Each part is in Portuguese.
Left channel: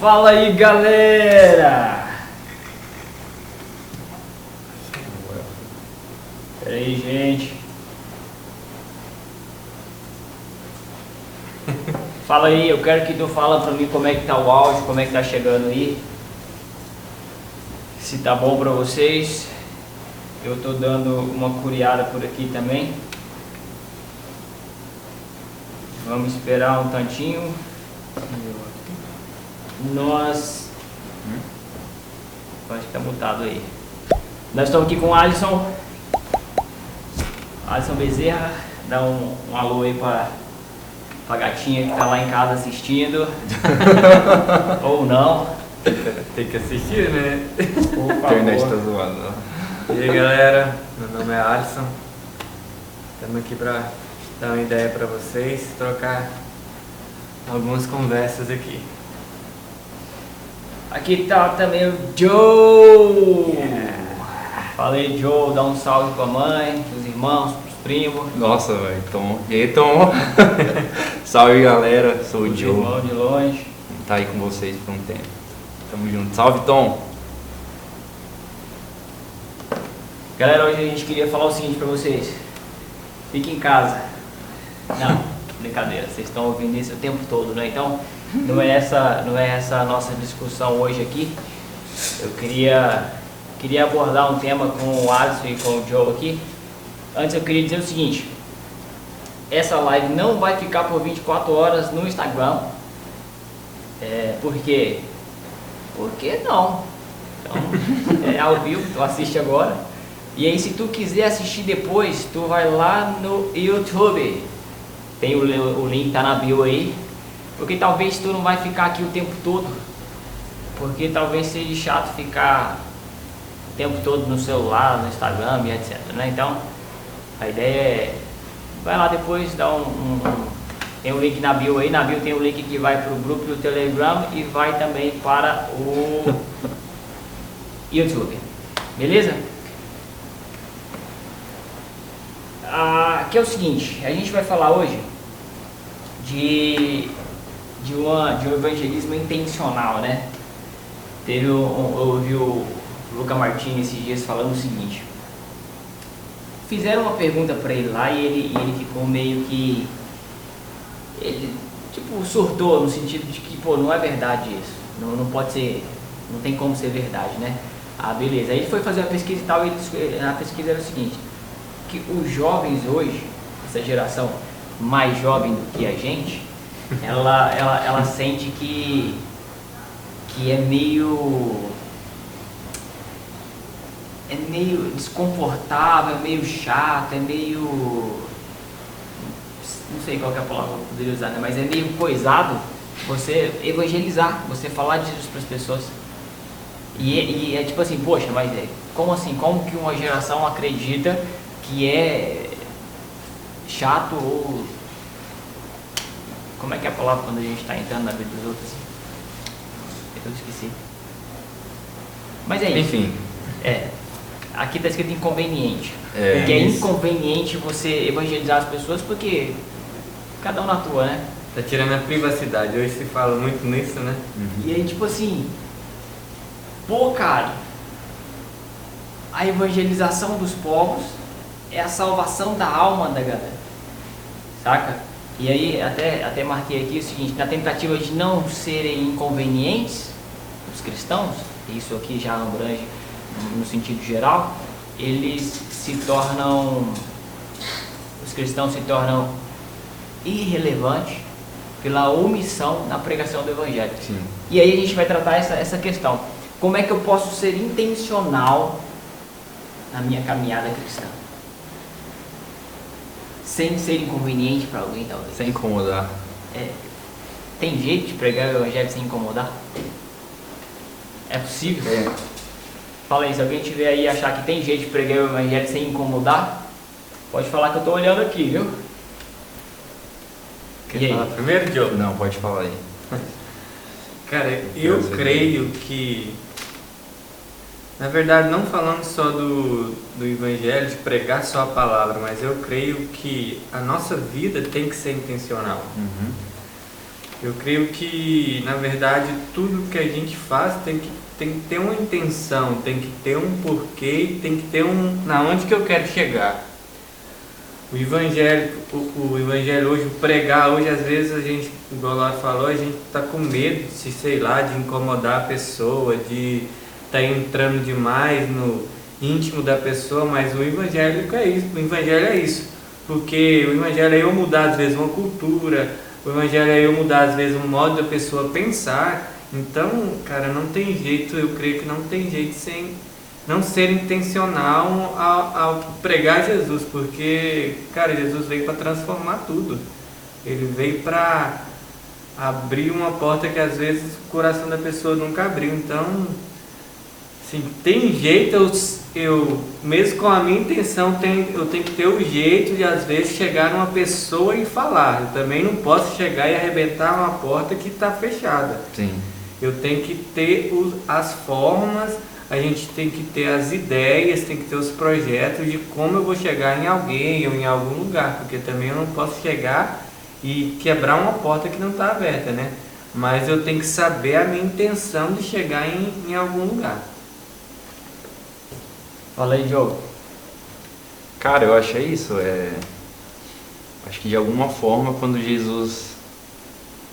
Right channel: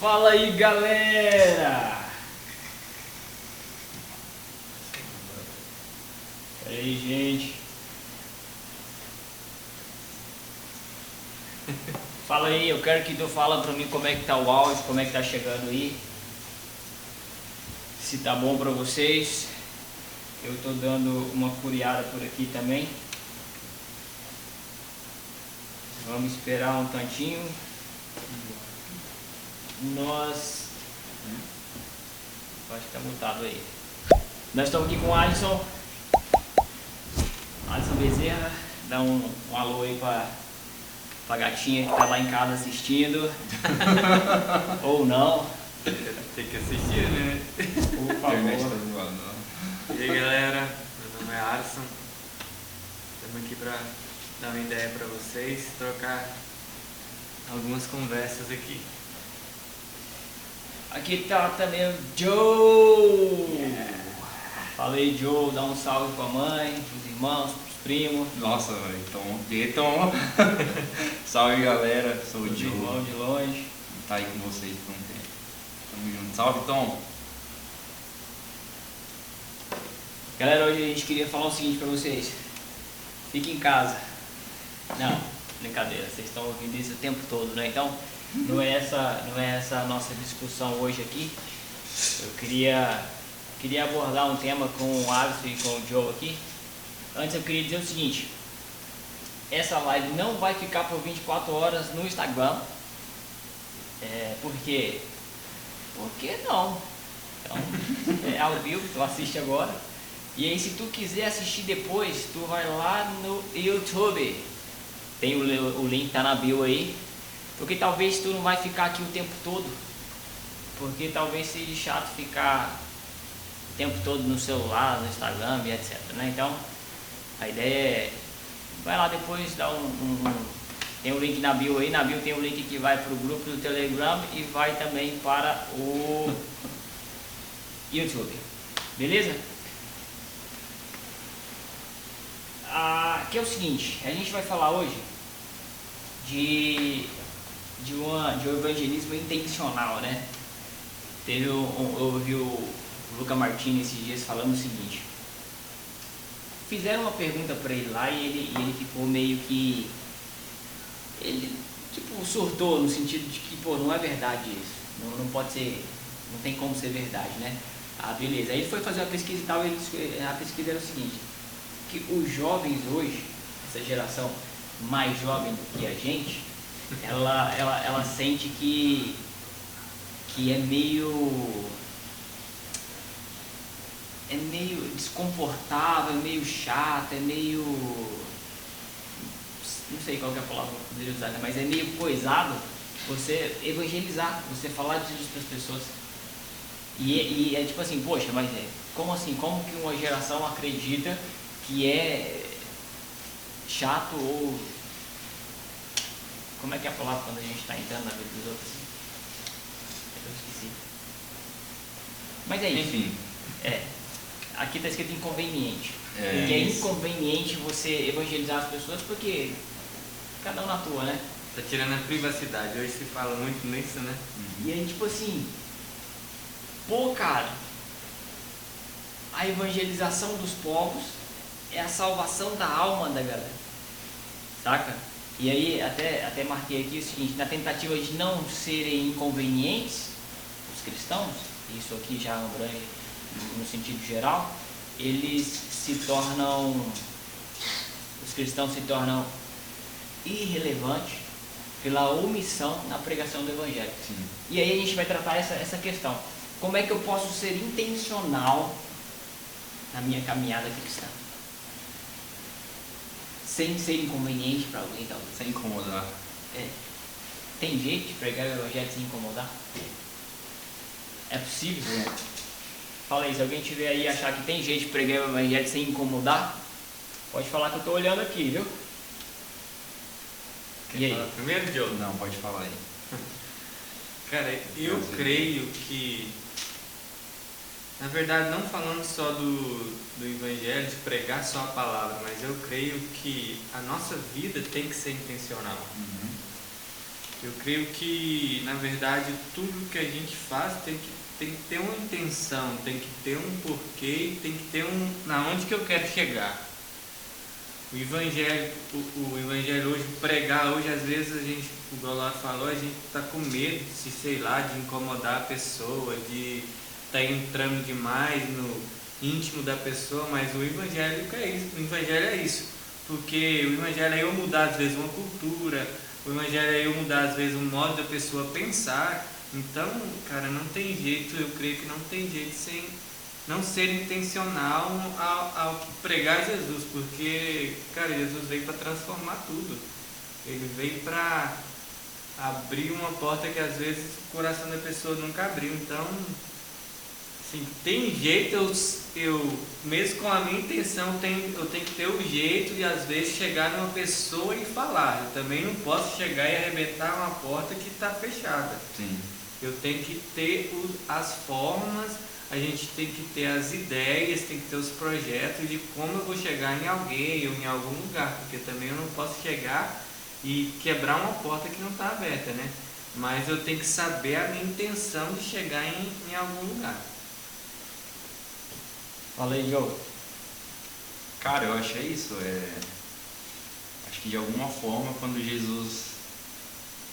Fala aí, galera! E aí, gente? Fala aí, eu quero que tu fala pra mim como é que tá o áudio, como é que tá chegando aí. Se tá bom pra vocês. Eu tô dando uma curiada por aqui também. Vamos esperar um tantinho. Nós... Acho que tá mutado aí. Nós estamos aqui com o Alisson Bezerra. Dá um alô aí pra gatinha que tá lá em casa assistindo. Ou não. Tem que assistir, né? Por A internet favor. tá zoando. E aí, galera, meu nome é Alisson. Estamos aqui pra dar uma ideia pra vocês, trocar algumas conversas aqui. Aqui tá também o Joe. Falei, Joe, dá um salve pra mãe, pros irmãos, pros primos. Nossa, velho, Tom. E aí, Tom? Salve, galera, sou o Pros Joe. irmãos de longe. Tá aí com vocês por um tempo. Tamo junto. Salve, Tom. Galera, hoje a gente queria falar o seguinte pra vocês. Fiquem em casa. Não, brincadeira, vocês estão ouvindo isso o tempo todo, né? Então, não é essa a nossa discussão hoje aqui. Eu queria abordar um tema com o Alisson e com o Joe aqui. Antes eu queria dizer o seguinte. Essa live não vai ficar por 24 horas no Instagram. Por quê? Porque não. Então, é ao vivo, tu assiste agora. E aí, se tu quiser assistir depois, tu vai lá no YouTube. Tem o link, tá na bio aí. Porque talvez tu não vai ficar aqui o tempo todo. Porque talvez seja chato ficar o tempo todo no celular, no Instagram e etc, né? Então, a ideia é... Vai lá depois, dá tem um link na bio aí. Na bio tem um link que vai pro grupo do Telegram e vai também para o YouTube. Beleza? Que é o seguinte, a gente vai falar hoje de um evangelismo intencional, né? Eu ouvi o Luca Martins esses dias falando o seguinte. Fizeram uma pergunta para ele lá e ele ficou meio que... Ele tipo surtou no sentido de que, pô, não é verdade isso. Não pode ser, não tem como ser verdade, né? Beleza. Aí ele foi fazer a pesquisa e tal, e a pesquisa era o seguinte, que os jovens hoje, essa geração mais jovem do que a gente, ela sente que é meio desconfortável, é meio chato, é meio... Não sei qual que é a palavra que eu poderia usar, né? Mas é meio coisado você evangelizar, você falar de Jesus para as pessoas. E é tipo assim, poxa, mas como assim? Como que uma geração acredita que é chato ou... Como é que é a palavra quando a gente está entrando na vida dos outros? Eu esqueci. Mas é isso. Enfim. Aqui está escrito inconveniente. Porque é isso. inconveniente você evangelizar as pessoas porque cada um na tua, né? Tá tirando a privacidade. Hoje se fala muito nisso, né? E aí, tipo assim, pô, cara, a evangelização dos povos é a salvação da alma da galera, saca? E aí, até marquei aqui o seguinte, na tentativa de não serem inconvenientes os cristãos, isso aqui já abrange no sentido geral, os cristãos se tornam irrelevantes pela omissão na pregação do evangelho. Sim. E aí a gente vai tratar essa questão. Como é que eu posso ser intencional na minha caminhada cristã? Sem ser inconveniente para alguém, talvez. Sem incomodar. Tem jeito de pregar o evangelho sem incomodar? É possível? Fala aí, se alguém tiver aí e achar que tem jeito de pregar o evangelho sem incomodar, pode falar que eu tô olhando aqui, viu? Quer falar primeiro, Diogo? Não, pode falar aí. Cara, eu creio que, na verdade, não falando só do evangelho, de pregar só a palavra, mas eu creio que a nossa vida tem que ser intencional. Eu creio que, na verdade, tudo que a gente faz tem que ter uma intenção, tem que ter um porquê, tem que ter na onde que eu quero chegar. O evangelho hoje, o pregar hoje, às vezes a gente, igual lá falou, a gente está com medo de, sei lá, de incomodar a pessoa, de estar entrando demais no íntimo da pessoa, mas o evangelho é isso, porque o evangelho é eu mudar às vezes uma cultura, o evangelho é eu mudar às vezes um modo da pessoa pensar. Então, cara, não tem jeito, eu creio que não tem jeito sem não ser intencional ao pregar Jesus, porque, cara, Jesus veio para transformar tudo. Ele veio para abrir uma porta que às vezes o coração da pessoa nunca abriu. Então, assim, tem jeito, eu mesmo com a minha intenção, eu tenho que ter o jeito de às vezes chegar numa pessoa e falar. Eu também não posso chegar e arrebentar uma porta que está fechada. Sim. Eu tenho que ter as formas, a gente tem que ter as ideias, tem que ter os projetos de como eu vou chegar em alguém ou em algum lugar, porque também eu não posso chegar e quebrar uma porta que não está aberta, né? Mas eu tenho que saber a minha intenção de chegar em algum lugar. Fala aí, Diogo. Cara, eu acho isso. Acho que de alguma forma, quando Jesus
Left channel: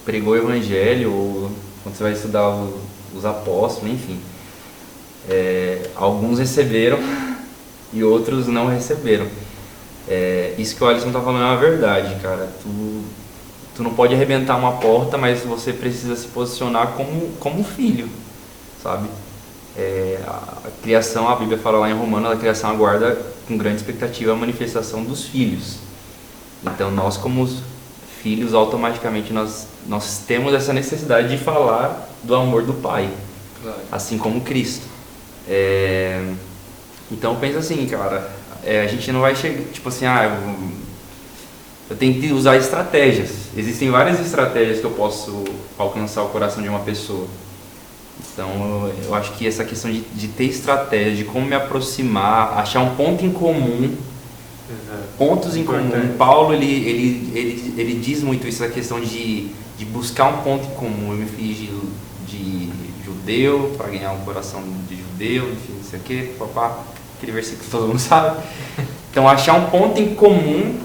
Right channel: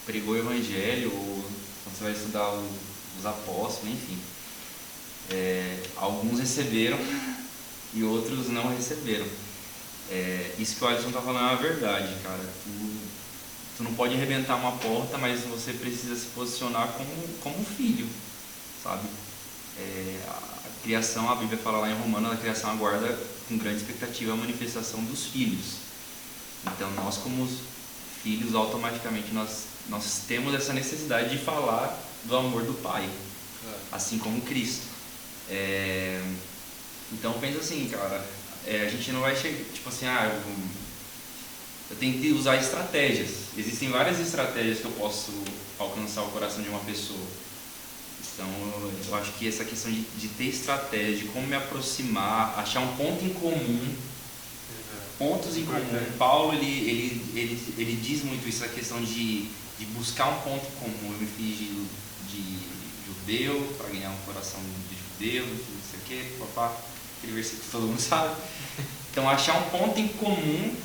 pregou o evangelho, ou quando você vai estudar os apóstolos, enfim, alguns receberam e outros não receberam. Isso que o Alisson tá falando é uma verdade, cara. Tu não pode arrebentar uma porta, mas você precisa se posicionar como filho, sabe? A criação, a Bíblia fala lá em Romanos, a criação aguarda com grande expectativa a manifestação dos filhos. Então nós, como filhos, automaticamente nós temos essa necessidade de falar do amor do Pai, claro. Assim como Cristo. Então pensa assim, cara, a gente não vai chegar, tipo assim, eu tenho que usar estratégias. Existem várias estratégias que eu posso alcançar o coração de uma pessoa. Então eu acho que essa questão de ter estratégia, de como me aproximar, achar um ponto em comum, pontos em comum. Paulo ele diz muito isso, a questão de buscar um ponto em comum. Eu me fiz de judeu para ganhar um coração de judeu, não sei o que, papá, aquele versículo que todo mundo sabe. Então achar um ponto em comum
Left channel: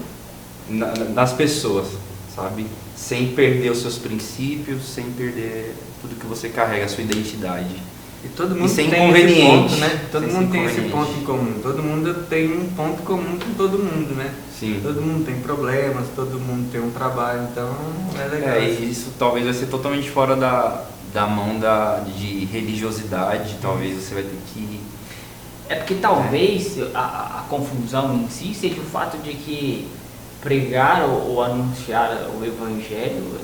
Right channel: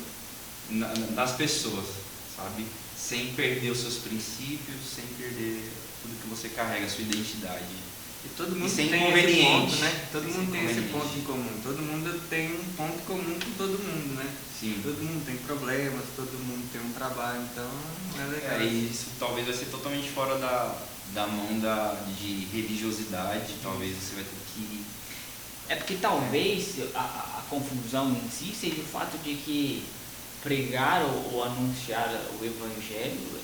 nas pessoas, sabe? Sem perder os seus princípios, sem perder tudo que você carrega, a sua identidade. E todo mundo tem tem esse ponto, né? Todo mundo tem esse inconveniente. ponto em comum. Todo mundo tem um ponto comum com todo mundo, né? Sim. Todo mundo tem problemas, todo mundo tem um trabalho, então é legal. E isso talvez vai ser totalmente fora da mão de religiosidade, talvez você vai ter que... Porque talvez a confusão em si seja o fato de que pregar ou anunciar o evangelho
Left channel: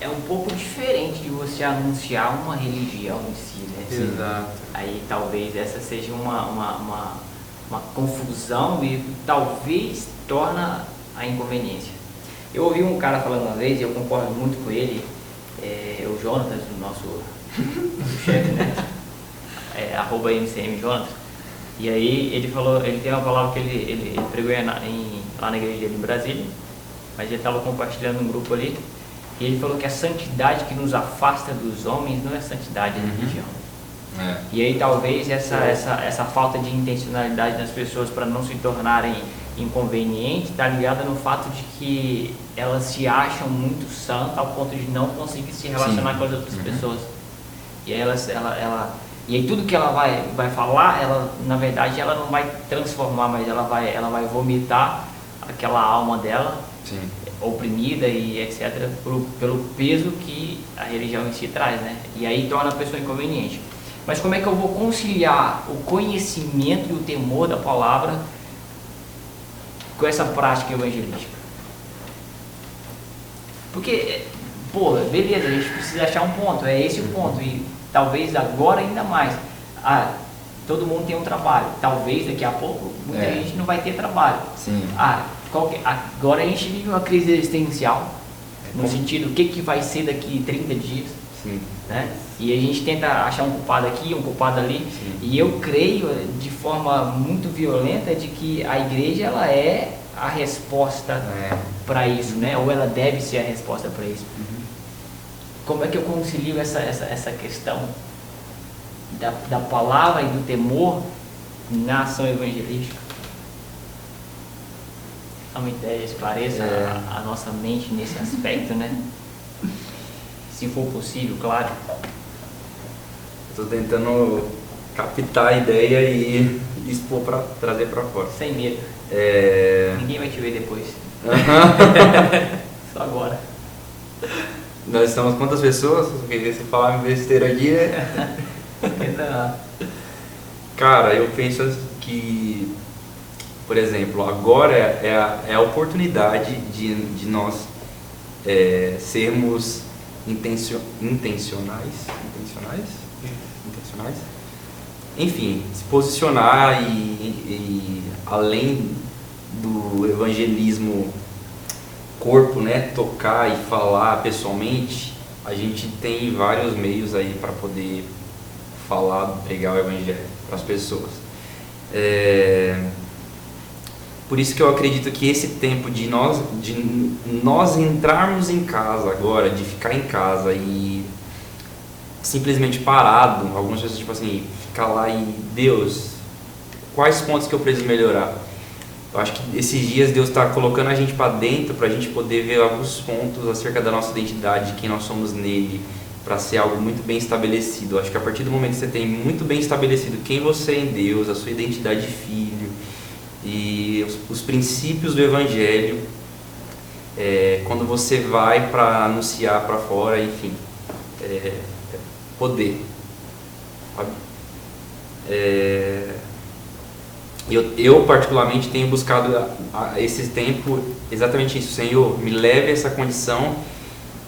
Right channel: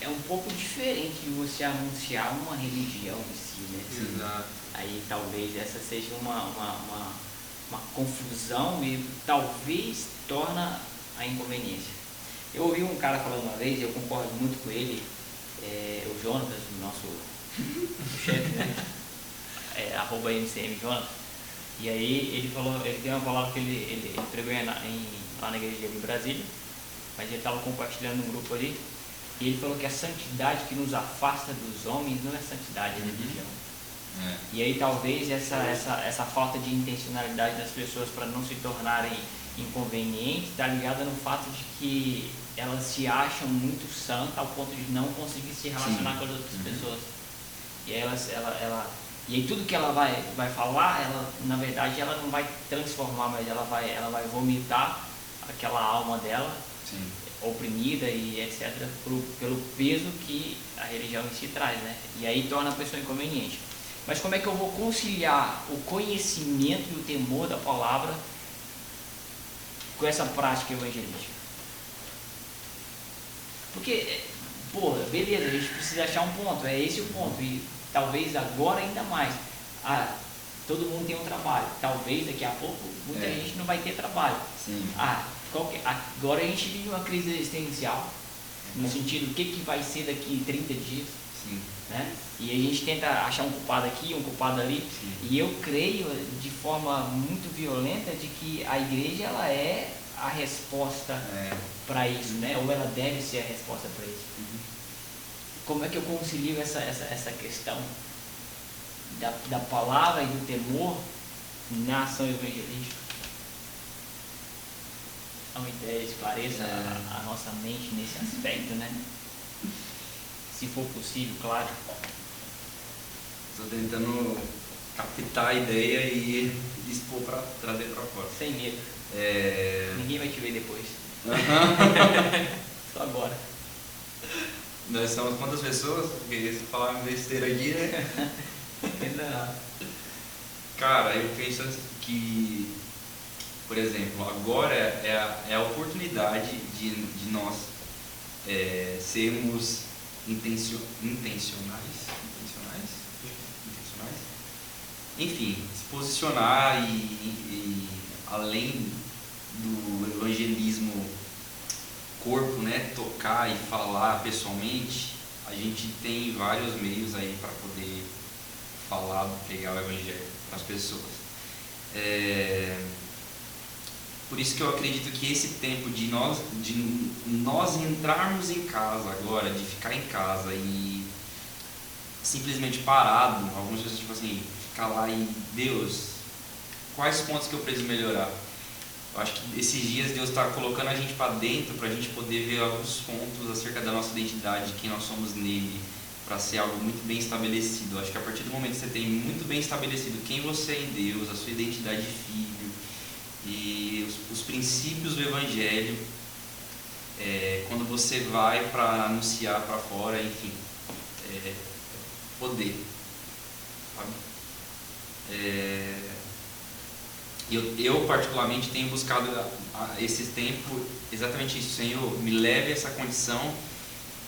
é um pouco diferente de você anunciar uma religião em si, né? Exato. Aí talvez essa seja uma confusão e talvez torna a inconveniência. Eu ouvi um cara falando uma vez, e eu concordo muito com ele, o Jonatas, o nosso chefe, né? @MCM Jonatas. E aí ele falou, ele tem uma palavra que ele pregou lá na igreja dele em Brasília, mas ele estava compartilhando no grupo ali, e ele falou que a santidade que nos afasta dos homens não é santidade da religião. E aí talvez essa falta de intencionalidade das pessoas para não se tornarem inconvenientes está ligada no fato de que elas se acham muito santas ao ponto de não conseguir se relacionar com as outras pessoas. E aí e aí tudo que ela vai falar, ela, na verdade, ela não vai transformar, mas ela vai vomitar aquela alma dela, oprimida e etc, pelo peso que a religião em si traz, né? E aí torna a pessoa inconveniente. Mas como é que eu vou conciliar o conhecimento e o temor da palavra com essa prática evangelística? Porque, beleza, a gente precisa achar um ponto, é esse o ponto, e talvez agora ainda mais. Todo mundo tem um trabalho, talvez daqui a pouco muita gente não vai ter trabalho. Agora a gente vive uma crise existencial, no sentido, o que vai ser daqui 30 dias, né? E a gente tenta achar um culpado aqui, um culpado ali, e eu creio de forma muito violenta de que a igreja ela é a resposta para isso, né? Ou ela deve ser a resposta para isso. como é que eu concilio essa questão da palavra e do temor na ação evangelística? Dá uma ideia, esclareça a nossa mente nesse aspecto, né? Se for possível, claro. Estou tentando captar a ideia e expor para trazer para fora. Sem medo. Ninguém vai te ver depois. Só agora. Nós estamos quantas pessoas? Porque se falar besteira aqui Não. Cara, eu penso que, por exemplo, agora é a oportunidade de nós sermos intencionais? Enfim, se posicionar e além do evangelismo corpo, né, tocar e falar pessoalmente, a gente tem vários meios aí para poder falar, pregar o evangelho para as pessoas. Por isso que eu acredito que esse tempo de nós entrarmos em casa agora, de ficar em casa e simplesmente parado, algumas pessoas tipo assim, ficar lá e Deus, quais pontos que eu preciso melhorar? Eu acho que esses dias Deus está colocando a gente para dentro para a gente poder ver alguns pontos acerca da nossa identidade, quem nós somos nele, para ser algo muito bem estabelecido. Eu acho que a partir do momento que você tem muito bem estabelecido quem você é em Deus, a sua identidade de filho e os princípios do Evangelho, quando você vai para anunciar para fora, enfim, poder, sabe? Eu particularmente tenho buscado esse tempo exatamente isso. Senhor, me leve a essa condição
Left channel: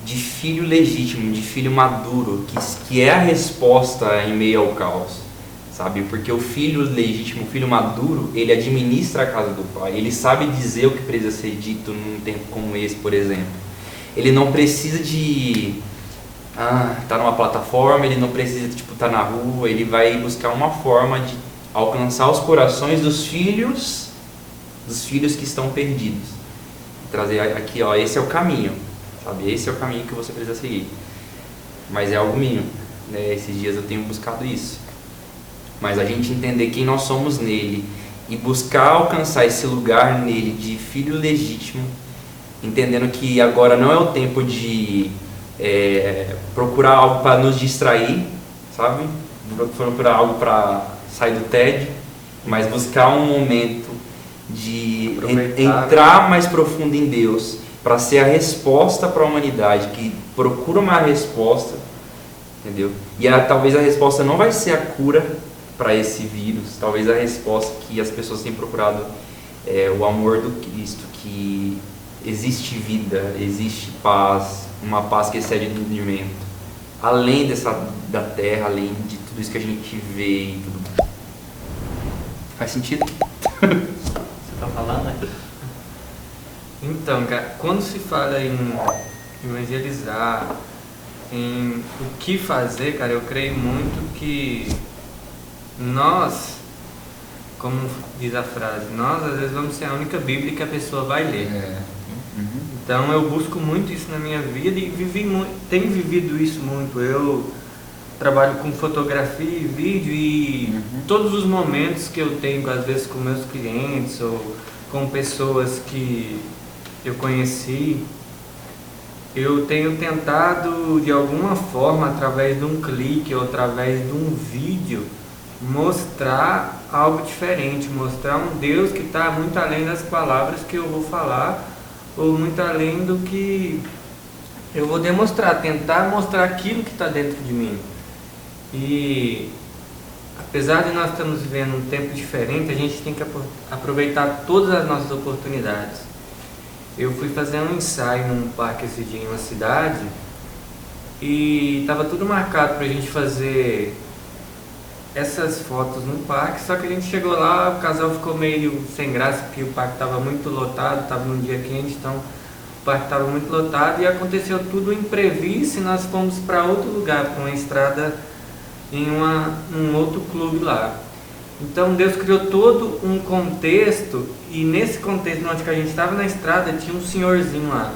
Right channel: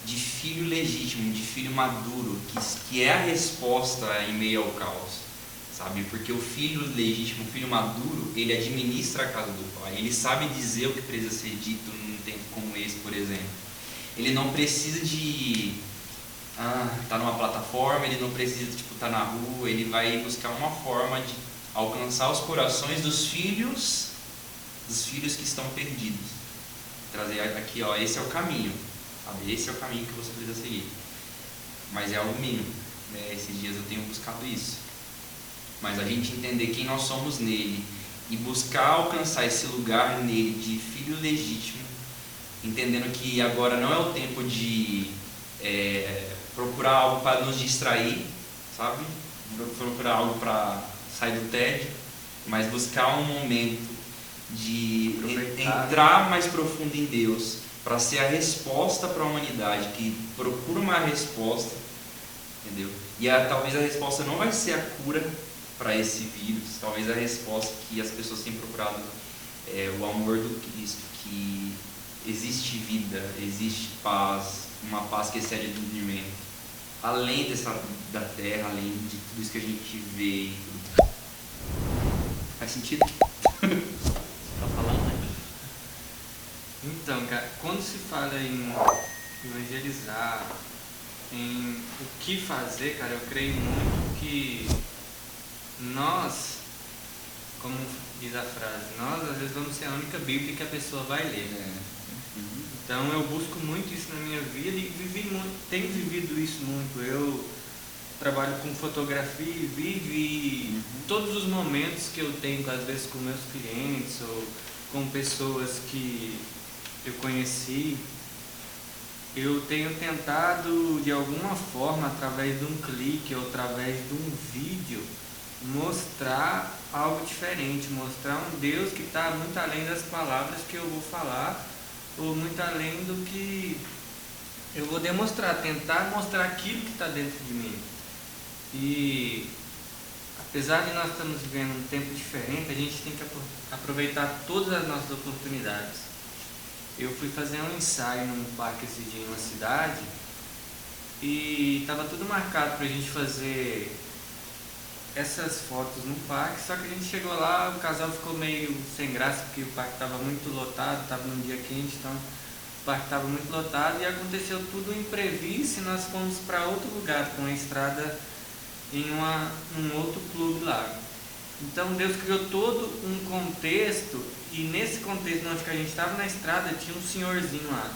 de filho legítimo, de filho maduro, que é a resposta em meio ao caos, sabe? Porque o filho legítimo, o filho maduro, ele administra a casa do pai, ele sabe dizer o que precisa ser dito num tempo como esse, por exemplo. Ele não precisa de tá numa plataforma, ele não precisa de tá na rua, ele vai buscar uma forma de alcançar os corações dos filhos que estão perdidos. Trazer aqui, esse é o caminho, sabe? Esse é o caminho que você precisa seguir. Mas é algo mínimo, né? Esses dias eu tenho buscado isso. Mas a gente entender quem nós somos nele e buscar alcançar esse lugar nele de filho legítimo, entendendo que agora não é o tempo de procurar algo para nos distrair, sabe? Procurar algo para sair do tédio, mas buscar um momento de entrar mais profundo em Deus, para ser a resposta para a humanidade que procura uma resposta, entendeu? E talvez a resposta não vai ser a cura para esse vírus, talvez a resposta que as pessoas têm procurado é o amor do Cristo, que existe vida, existe paz, uma paz que excede o entendimento, além da terra, além de tudo isso que a gente vê e tudo. Faz sentido? Você tá falando, né? Então, cara, quando se fala em evangelizar, em o que fazer, cara, eu creio muito que nós, como diz a frase, nós às vezes vamos ser a única Bíblia que a pessoa vai ler. Então eu busco muito isso na minha vida e tenho vivido isso muito. Eu trabalho com fotografia e vídeo e todos os momentos que eu tenho, às vezes com meus clientes ou com pessoas que eu conheci, eu tenho tentado de alguma forma, através de um clique ou através de um vídeo, mostrar algo diferente, mostrar um Deus que está muito além das palavras que eu vou falar ou muito além do que eu vou demonstrar, tentar mostrar aquilo que está dentro de mim. E apesar de nós estarmos vivendo um tempo diferente, a gente tem que aproveitar todas as nossas oportunidades. Eu fui fazer um ensaio num parque esse dia em uma cidade e estava tudo marcado para a gente fazer essas fotos no parque, só que a gente chegou lá, o casal ficou meio sem graça porque o parque estava muito lotado, estava num dia quente, então o parque estava muito lotado e aconteceu tudo imprevisto e nós fomos para outro lugar, para uma estrada em um outro clube lá. Então Deus criou todo um contexto e nesse contexto onde a gente estava na estrada tinha um senhorzinho lá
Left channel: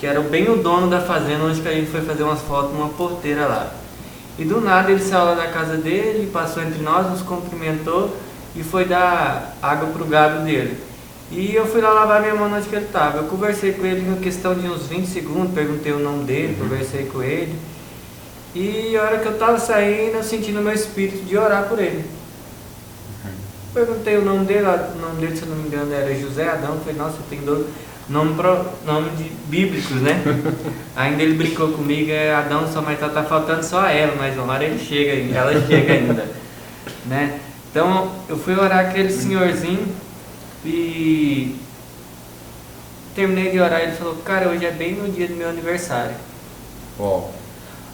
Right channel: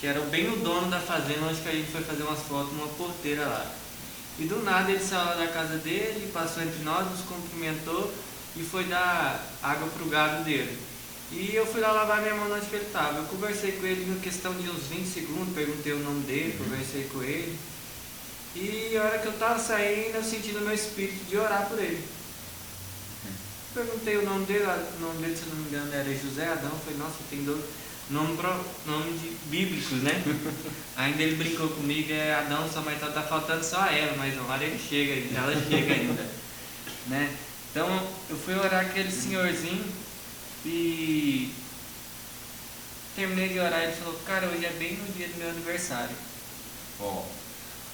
que era bem o dono da fazenda onde que a gente foi fazer umas fotos numa porteira lá. E do nada ele saiu da casa dele, passou entre nós, nos cumprimentou e foi dar água pro gado dele. E eu fui lá lavar minha mão onde que ele estava. Eu conversei com ele em uma questão de uns 20 segundos, perguntei o nome dele, conversei com ele. E a hora que eu estava saindo, eu senti no meu espírito de orar por ele. Perguntei o nome dele, se eu não me engano era José Adão. Falei, nossa, tem dois nome bíblicos, né? Ainda ele brincou comigo, é Adão, só mas tá faltando só ela, mas uma hora ele chega ainda, ela chega ainda, né? Então eu fui orar aquele senhorzinho e terminei de orar, ele falou, cara, hoje é bem no dia do meu aniversário. Uau.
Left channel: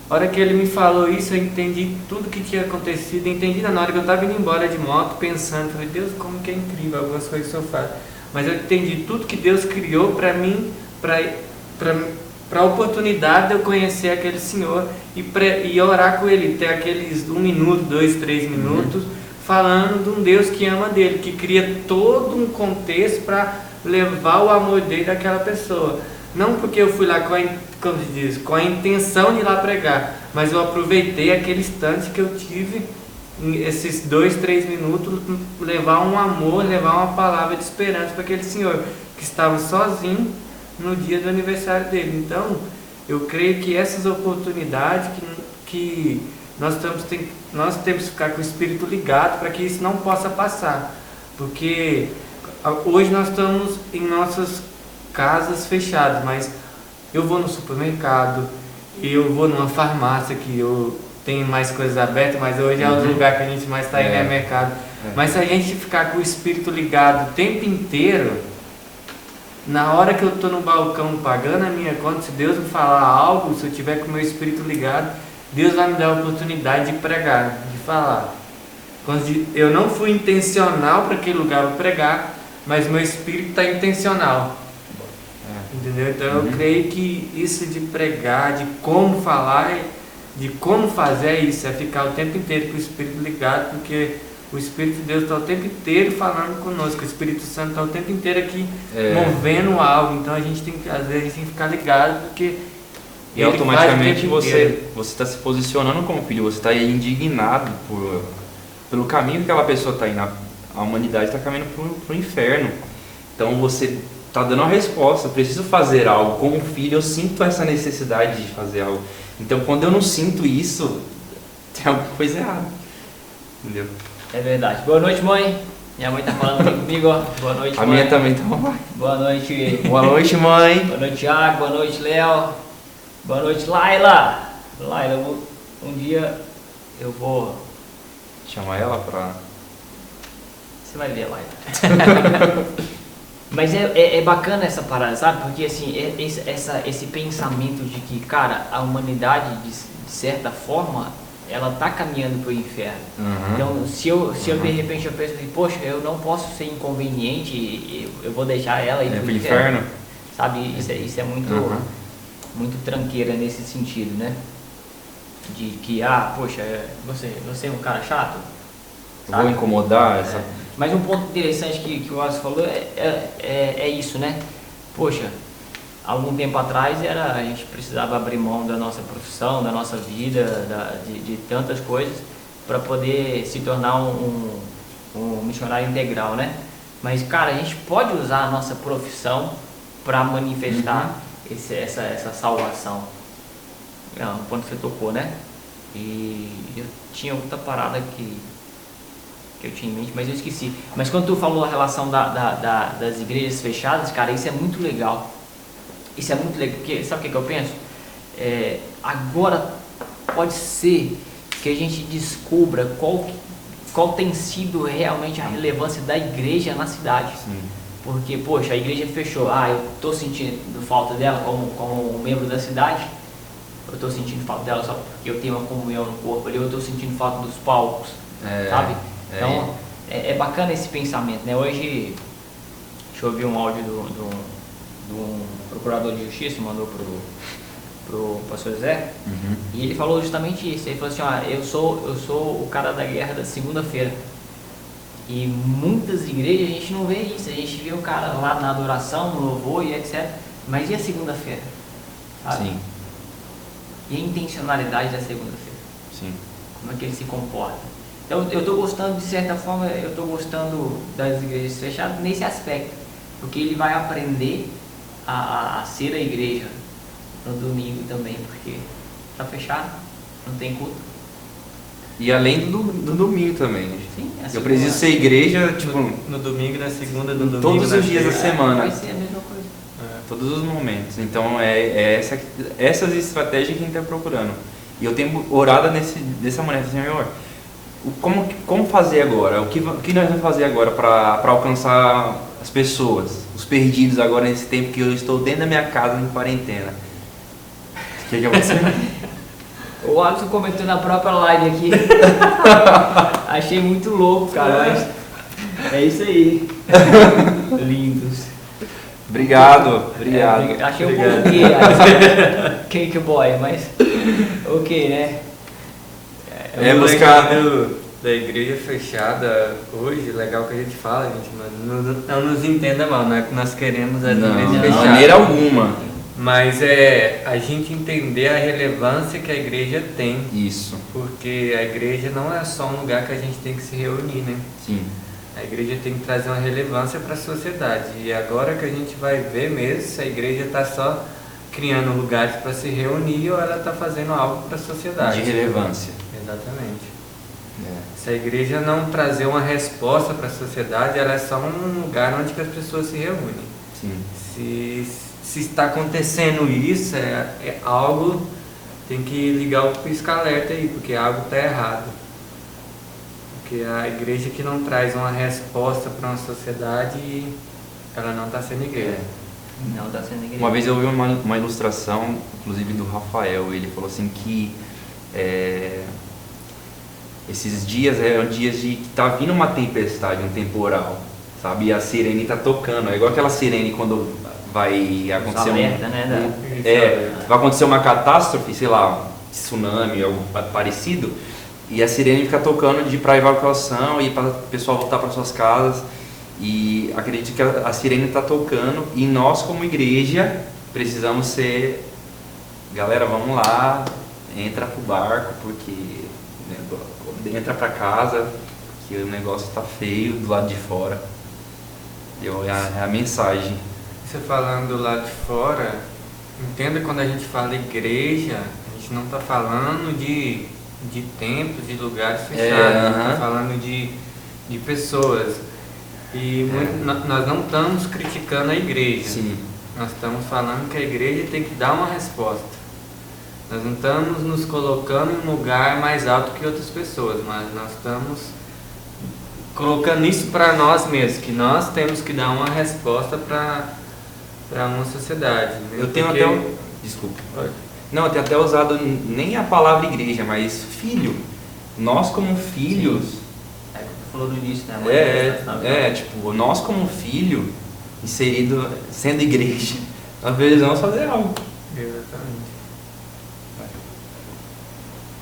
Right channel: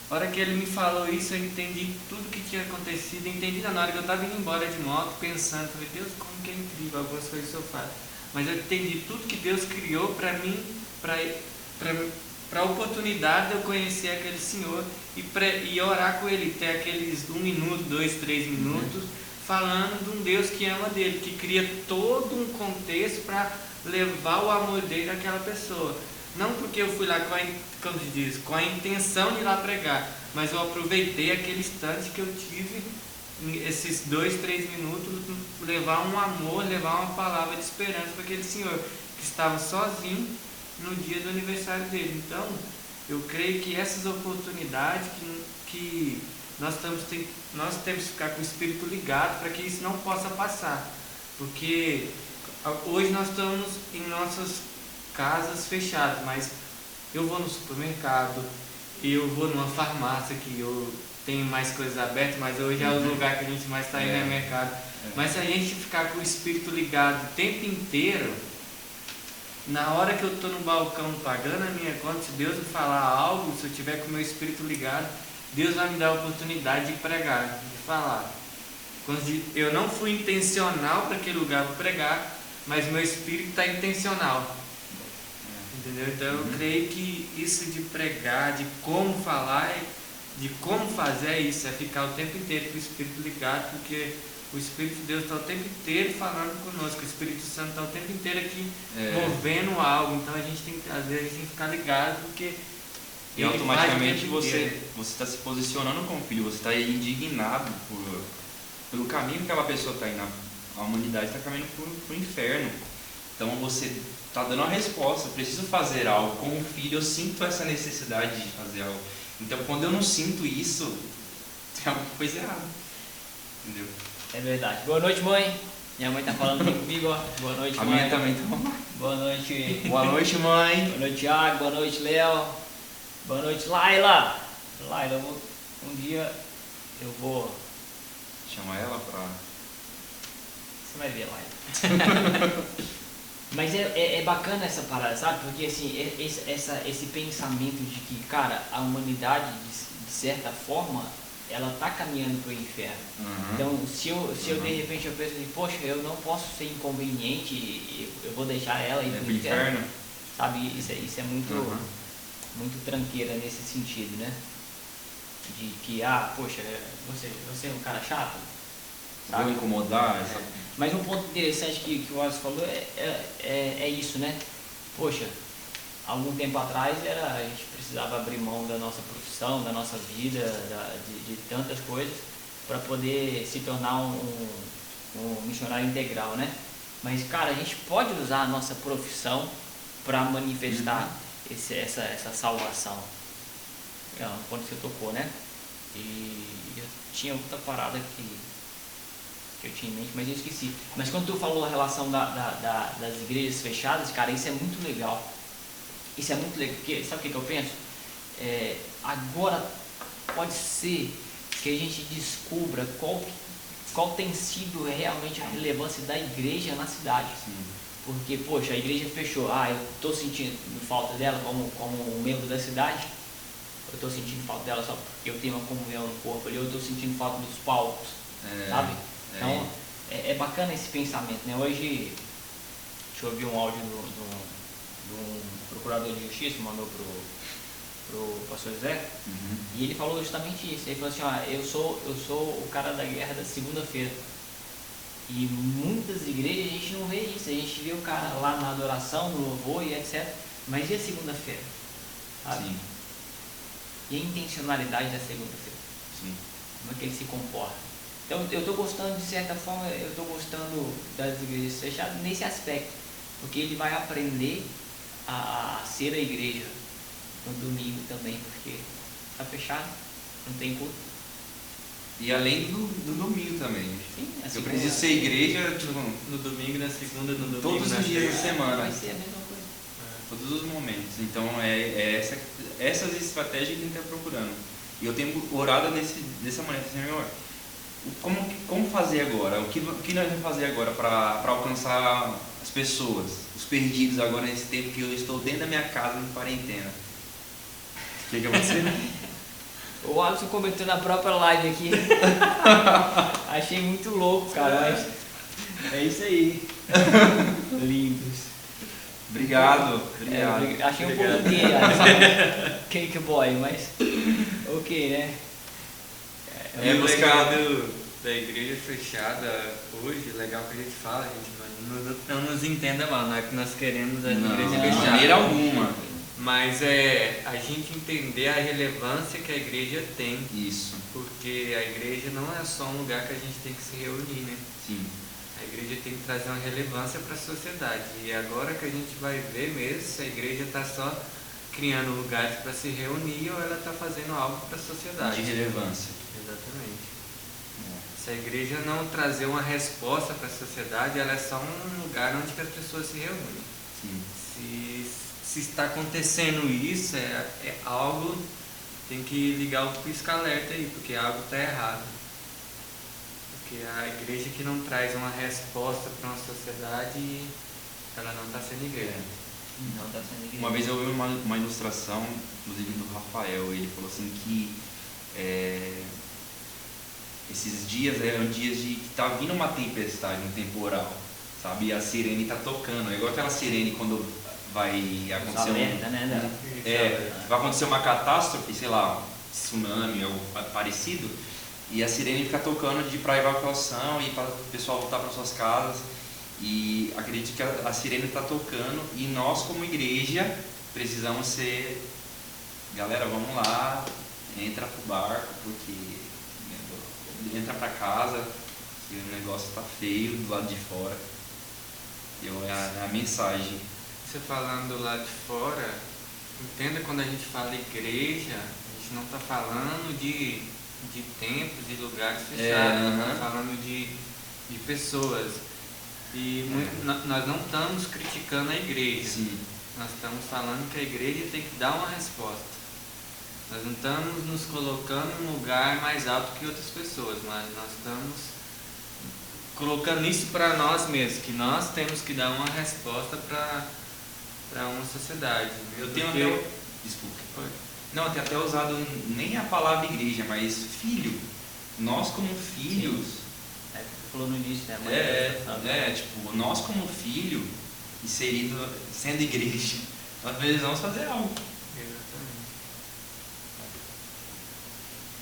A hora que ele me falou isso, eu entendi tudo que tinha acontecido, entendi na hora que eu estava indo embora de moto, pensando, falei, Deus, como que é incrível algumas coisas que eu faço. Mas eu entendi tudo que Deus criou para mim, para a oportunidade de eu conhecer aquele Senhor e orar com Ele, ter aqueles 1 minuto, 2, 3 minutos, falando de um Deus que ama dele, que cria todo um contexto para levar o amor dele àquela pessoa. Não porque eu fui lá com a intenção de ir lá pregar, mas eu aproveitei aquele instante que eu tive, esses 2, 3 minutos, levar um amor, levar uma palavra de esperança para aquele senhor que estava sozinho no dia do aniversário dele. Então, eu creio que essas oportunidades que nós temos que ficar com o espírito ligado para que isso não possa passar, porque hoje nós estamos em nossas casas fechadas, mas eu vou no supermercado, eu vou numa farmácia que eu tenho mais coisas abertas, mas hoje é o lugar que a gente mais está indo, é mercado. Mas se a gente ficar com o espírito ligado o tempo inteiro, na hora que eu estou no balcão pagando a minha conta, se Deus me falar algo, se eu tiver com o meu espírito ligado, Deus vai me dar a oportunidade de pregar, de falar. Eu não fui intencional para aquele lugar para pregar, mas meu espírito está intencional. Entendeu? Então eu creio que isso de pregar, de como falar, de como fazer é isso, é ficar o tempo inteiro com o Espírito ligado, porque o Espírito de Deus está o tempo inteiro falando conosco, o Espírito Santo está o tempo inteiro aqui movendo algo, então a gente tem que, às vezes, a gente tem que ficar ligado, porque e automaticamente você está se posicionando como filho, você está indignado pelo caminho que aquela pessoa está indo, a humanidade está caminhando para o inferno, então você está dando a resposta, preciso fazer algo. Como filho, eu sinto essa necessidade de fazer algo. Então, quando eu não sinto isso, tem alguma coisa errada. Entendeu? É verdade. Boa noite, mãe. Minha mãe tá falando aqui comigo, ó. Boa noite, mãe. A minha também tá lá. Boa noite. Boa noite, mãe. Boa noite, Thiago. Boa noite, Léo. Boa noite, Laila. Laila, um dia eu vou chamar ela pra... Você vai ver, Laila. Mas é bacana essa parada, sabe? Porque assim, esse pensamento de que, cara, a humanidade, de certa forma, ela tá caminhando pro inferno. Então, se eu de repente eu penso assim, poxa, eu não posso ser inconveniente, eu vou deixar ela ir pro inferno. Sabe? Isso é muito, muito tranqueira nesse sentido, né? De que, poxa, você é um cara chato. Sabe? Vou incomodar essa... Mas um ponto interessante que o Wallace falou é isso, né? Poxa, algum tempo atrás a gente precisava abrir mão da nossa profissão, da nossa vida, de tantas coisas para poder se tornar um missionário integral, né? Mas, cara, a gente pode usar a nossa profissão para manifestar essa salvação. É um ponto que você tocou, né? E eu tinha outra parada que eu tinha em mente, mas eu esqueci. Mas quando tu falou a relação das igrejas fechadas, cara, isso é muito legal. Isso é muito legal, porque sabe o que eu penso? Agora pode ser que a gente descubra qual tem sido realmente a relevância da igreja na cidade. Sim. Porque, poxa, a igreja fechou. Eu estou sentindo falta dela como um membro da cidade. Eu estou sentindo falta dela só porque eu tenho uma comunhão no corpo ali. Eu estou sentindo falta dos palcos, sabe? Então, é bacana esse pensamento, né? Hoje, deixa eu ouvir um áudio de um procurador de justiça, mandou pro pastor José, e ele falou justamente isso. Ele falou assim, eu sou o cara da guerra da segunda-feira. E muitas igrejas a gente não vê isso, a gente vê um cara lá na adoração, no louvor e etc. Mas e a segunda-feira? sabe? Sim, E a intencionalidade da segunda-feira. sim. Como é que ele se comporta. Então eu estou gostando, de certa forma, eu estou gostando das igrejas fechadas nesse aspecto, porque ele vai aprender a ser a igreja no domingo também, porque está fechado, não tem culto. E além do domingo também, né? Sim, assim Eu preciso ser igreja, tipo, No domingo, na segunda, no domingo. todos na os dias da terça. semana. vai ser a mesma coisa. Todos os momentos. Então essas estratégias que a gente está procurando. E eu tenho orado dessa maneira, Senhor, como fazer agora? O que nós vamos fazer agora para alcançar as pessoas, os perdidos agora nesse tempo que eu estou dentro da minha casa em quarentena? O que é você? O Alisson comentou na própria live aqui. Achei muito louco, cara, mas é isso aí. Lindos. Obrigado. Achei Obrigado. um pouco gay, Alisson. Cake boy, mas ok, né? É o buscar- legal da igreja fechada hoje, legal que a gente fala, gente, mas não nos entenda mal, não é que nós queremos a Não, igreja de fechada. maneira alguma. Mas é a gente entender a relevância que a igreja tem, Isso, porque a igreja não é só um lugar que a gente tem que se reunir, né? sim. A igreja tem que trazer uma relevância para a sociedade. E agora que a gente vai ver mesmo se a igreja está só criando lugares para se reunir ou ela está fazendo algo para a sociedade. De relevância. Exatamente. É. Se a igreja não trazer uma resposta para a sociedade, ela é só um lugar onde que as pessoas se reúnem. Sim. Se está acontecendo isso, é algo, tem que ligar o pisca-alerta aí, porque algo está errado. Porque a igreja que não traz uma resposta para uma sociedade, ela não está sendo igreja. Não tá sendo igreja. Uma vez eu vi uma ilustração, inclusive do Rafael, ele falou assim que esses dias eram dias de que tá vindo uma tempestade, um temporal, sabe? E a sirene tá tocando, é igual aquela sirene quando vai acontecer alerta, né, vai acontecer uma catástrofe, sei lá, um tsunami, algo parecido, e a sirene fica tocando para evacuação e para o pessoal voltar para suas casas. E acredito que a sirene está tocando e nós como igreja precisamos ser, galera, vamos lá, entra pro barco porque entra para casa que o negócio está feio do lado de fora. É a mensagem. Você falando do lado de fora, entenda quando a gente fala igreja, a gente não está falando de templos, de lugares fechados, a gente está falando de pessoas. E nós não estamos criticando a igreja. Sim. Nós estamos falando que a igreja tem que dar uma resposta. Nós não estamos nos colocando em um lugar mais alto que outras pessoas, mas nós estamos colocando isso para nós mesmos, que nós temos que dar uma resposta para uma sociedade. Né? Eu tenho Porque- até desculpa. Não, eu tenho até usado nem a palavra igreja, mas filho. Nós como filhos. É o que tu falou no início, né? Tipo, nós como filho, inserido, sendo igreja, nós precisamos fazer algo. Exatamente.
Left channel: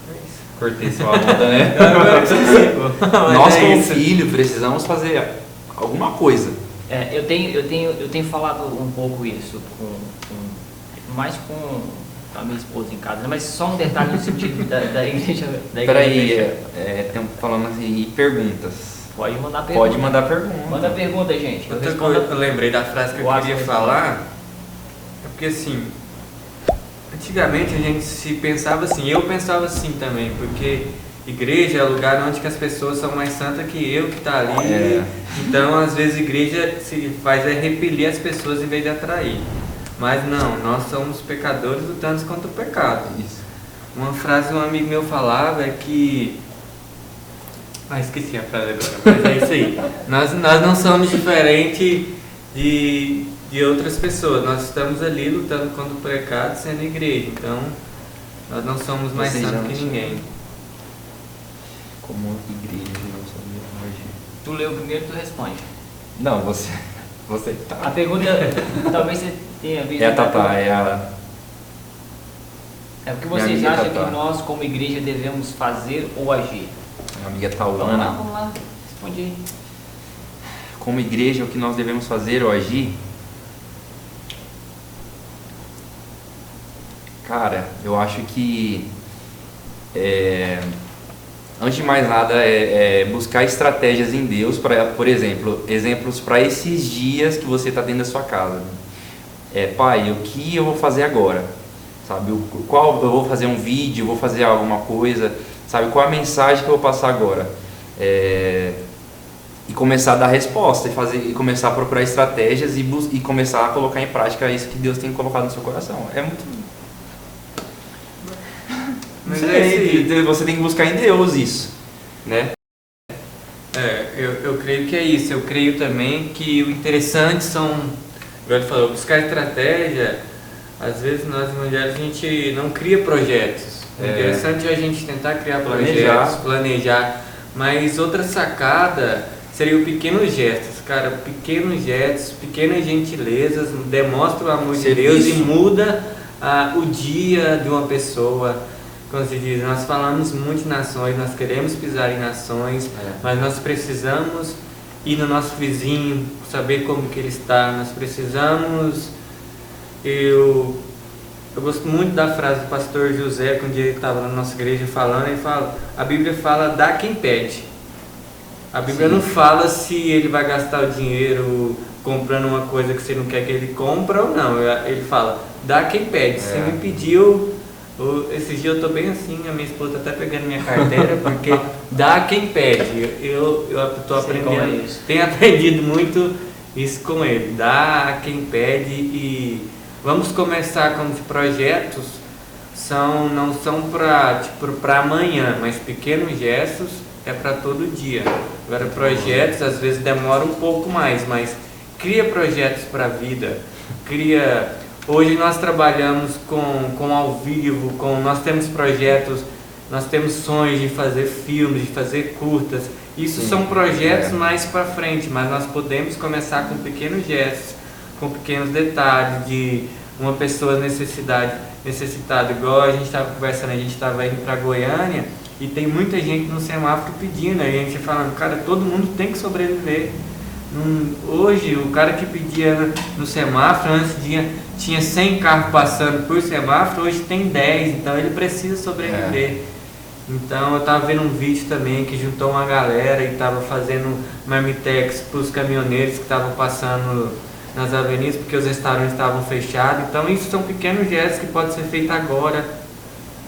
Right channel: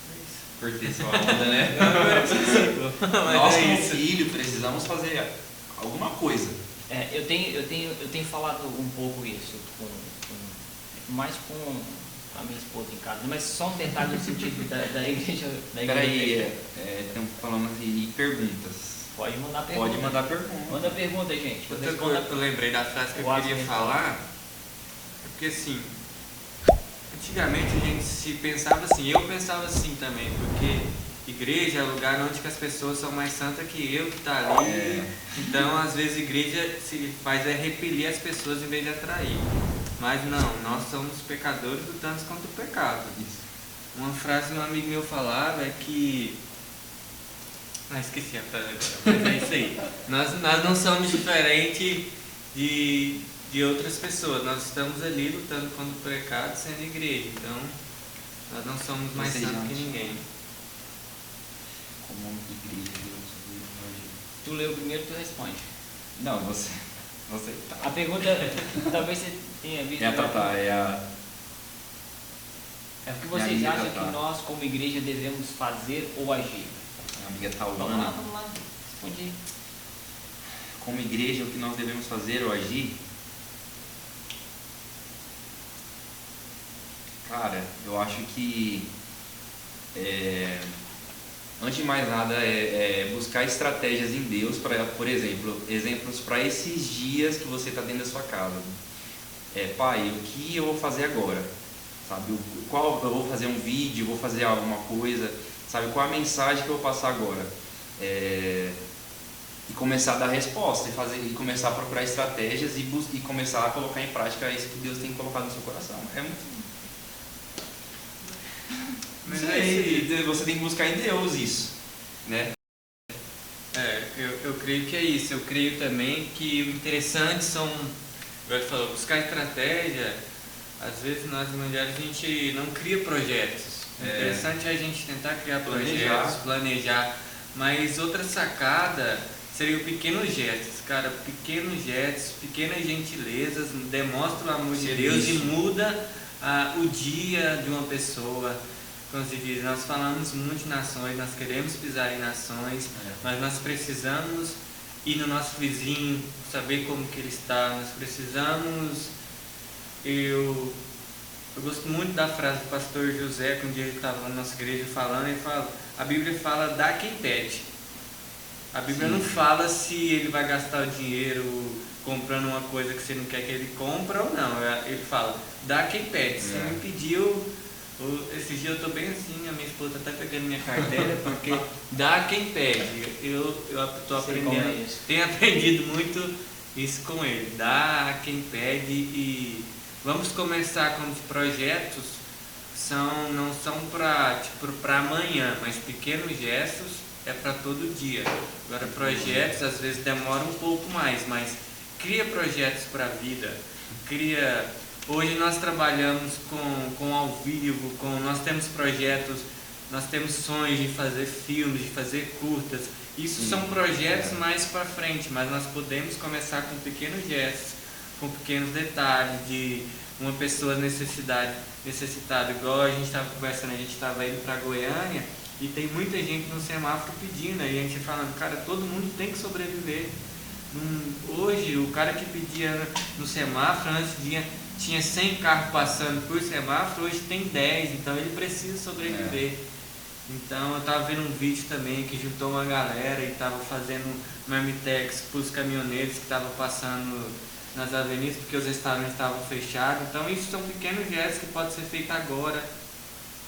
É isso. Cortei sua onda, né? Agora que você chegou. Mas Nós é como isso. filho precisamos fazer alguma coisa. Eu tenho falado um pouco isso mais com a minha esposa em casa, né? Mas só um detalhe no sentido da igreja. Peraí, estamos falando assim, e perguntas. Pode mandar pergunta. Pode mandar pergunta. Manda pergunta, gente. Eu Outra respondo. coisa que eu lembrei da frase que eu Eu queria acho que- falar é porque assim, antigamente a gente se pensava assim, eu pensava assim também, porque igreja é o lugar onde que as pessoas são mais santas que eu que tá ali. É. Então às vezes a igreja se faz repelir as pessoas em vez de atrair. Mas não, nós somos pecadores lutando contra o pecado. Isso. Uma frase que um amigo meu falava é que. Esqueci a frase agora, mas é isso aí. Nós não somos diferentes de outras pessoas. Nós estamos ali lutando contra o pecado sendo igreja. Então, nós não somos mais Vocês santos que acham? ninguém. Como igreja, não sabia hoje. Tu leu primeiro, tu responde. Não, você tá. A pergunta, talvez você tenha visto. É a Tatá, é a. É o que Minha vocês amiga acham Tatá. que nós, como igreja, devemos fazer ou agir? Minha amiga Vamos lá, Tauana. vamos lá. Responde aí. Como igreja, o que nós devemos fazer ou agir? Cara, eu acho que antes de mais nada é buscar estratégias em Deus para, por exemplo, exemplos para esses dias que você está dentro da sua casa. Pai, o que eu vou fazer agora? Sabe, qual eu vou fazer um vídeo, vou fazer alguma coisa, sabe, qual a mensagem que eu vou passar agora? E começar a dar resposta e começar a procurar estratégias e começar a colocar em prática isso que Deus tem colocado no seu coração. É muito. Mas você tem que buscar em Deus isso, né? Eu creio que é isso. Eu creio também que o interessante são, como ele falou, buscar estratégia. Às vezes nós mulheres a gente não cria projetos. O interessante é a gente tentar criar projetos, planejar. Mas outra sacada seria o pequenos gestos, cara. Pequenos gestos, pequenas gentilezas demonstram o amor de Deus e muda o dia de uma pessoa. Como se diz, nós falamos muito em nações, nós queremos pisar em nações, mas nós precisamos ir no nosso vizinho, saber como que ele está. Nós precisamos... Eu gosto muito da frase do pastor José, que um dia ele estava na nossa igreja falando, ele fala, a Bíblia fala, dá quem pede. A Bíblia não fala se ele vai gastar o dinheiro comprando uma coisa que você não quer que ele compre ou não. Ele fala, dá quem pede. Você me pediu, esses dias eu estou bem assim, a minha esposa está até pegando minha carteira, porque dá quem pede. Eu estou aprendendo, tenho aprendido muito isso com ele, dá a quem pede. E vamos começar com os projetos, não são para amanhã, mas pequenos gestos é para todo dia. Agora projetos às vezes demoram um pouco mais, mas cria projetos para a vida. Hoje nós trabalhamos com ao vivo, nós temos projetos, nós temos sonhos de fazer filmes, de fazer curtas. Isso são projetos mais para frente, mas nós podemos começar com pequenos gestos, com pequenos detalhes de uma pessoa necessitada, igual a gente estava conversando, a gente estava indo para Goiânia e tem muita gente no semáforo pedindo, a gente falando, cara, todo mundo tem que sobreviver. Hoje, o cara que pedia no semáforo, antes tinha 100 carros passando por semáforo, hoje tem 10, então ele precisa sobreviver. Então eu estava vendo um vídeo também que juntou uma galera e estava fazendo marmitex para os caminhoneiros que estavam passando nas avenidas porque os restaurantes estavam fechados. Então isso são pequenos gestos que podem ser feitos agora,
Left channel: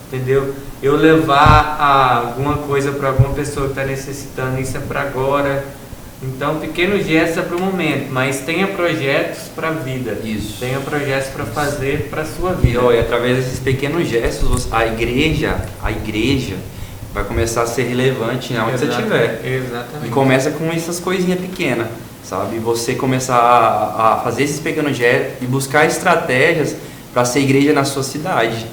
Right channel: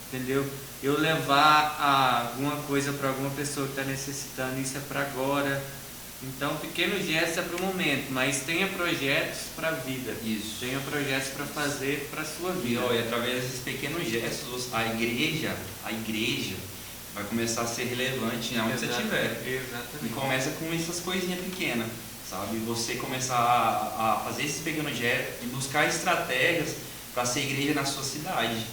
entendeu? Eu levar alguma coisa para alguma pessoa que está necessitando, isso é para agora. Então pequenos gestos é para o momento, mas tenha projetos para a vida. Isso. Tenha projetos para fazer para a sua vida. E através desses pequenos gestos, a igreja vai começar a ser relevante onde você estiver. Exatamente. E começa com essas coisinhas pequenas, sabe? Você começar a fazer esses pequenos gestos e buscar estratégias para ser igreja na sua cidade.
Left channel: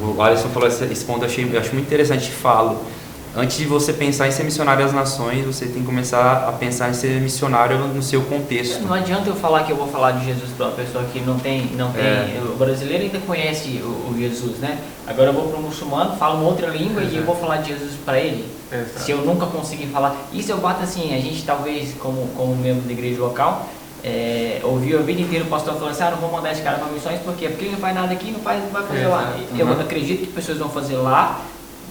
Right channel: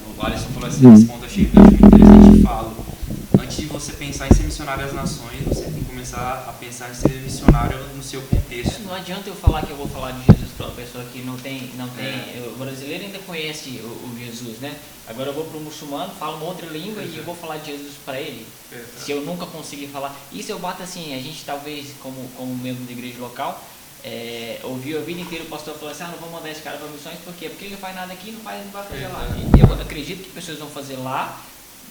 O Alisson falou esse ponto, eu acho muito interessante e falo. Antes de você pensar em ser missionário às nações, você tem que começar a pensar em ser missionário no seu contexto. Não adianta eu falar que eu vou falar de Jesus para uma pessoa que não tem. O brasileiro ainda conhece o Jesus, né? Agora eu vou para um muçulmano, falo uma outra língua e eu vou falar de Jesus para ele. Exato. Se eu nunca conseguir falar. Isso eu bato assim, a gente talvez, como membro da igreja local, ouviu a vida inteira o pastor falando assim, não vou mandar esse cara para missões, por quê? Porque ele não faz nada aqui, não vai fazer lá. Eu acredito que pessoas vão fazer lá,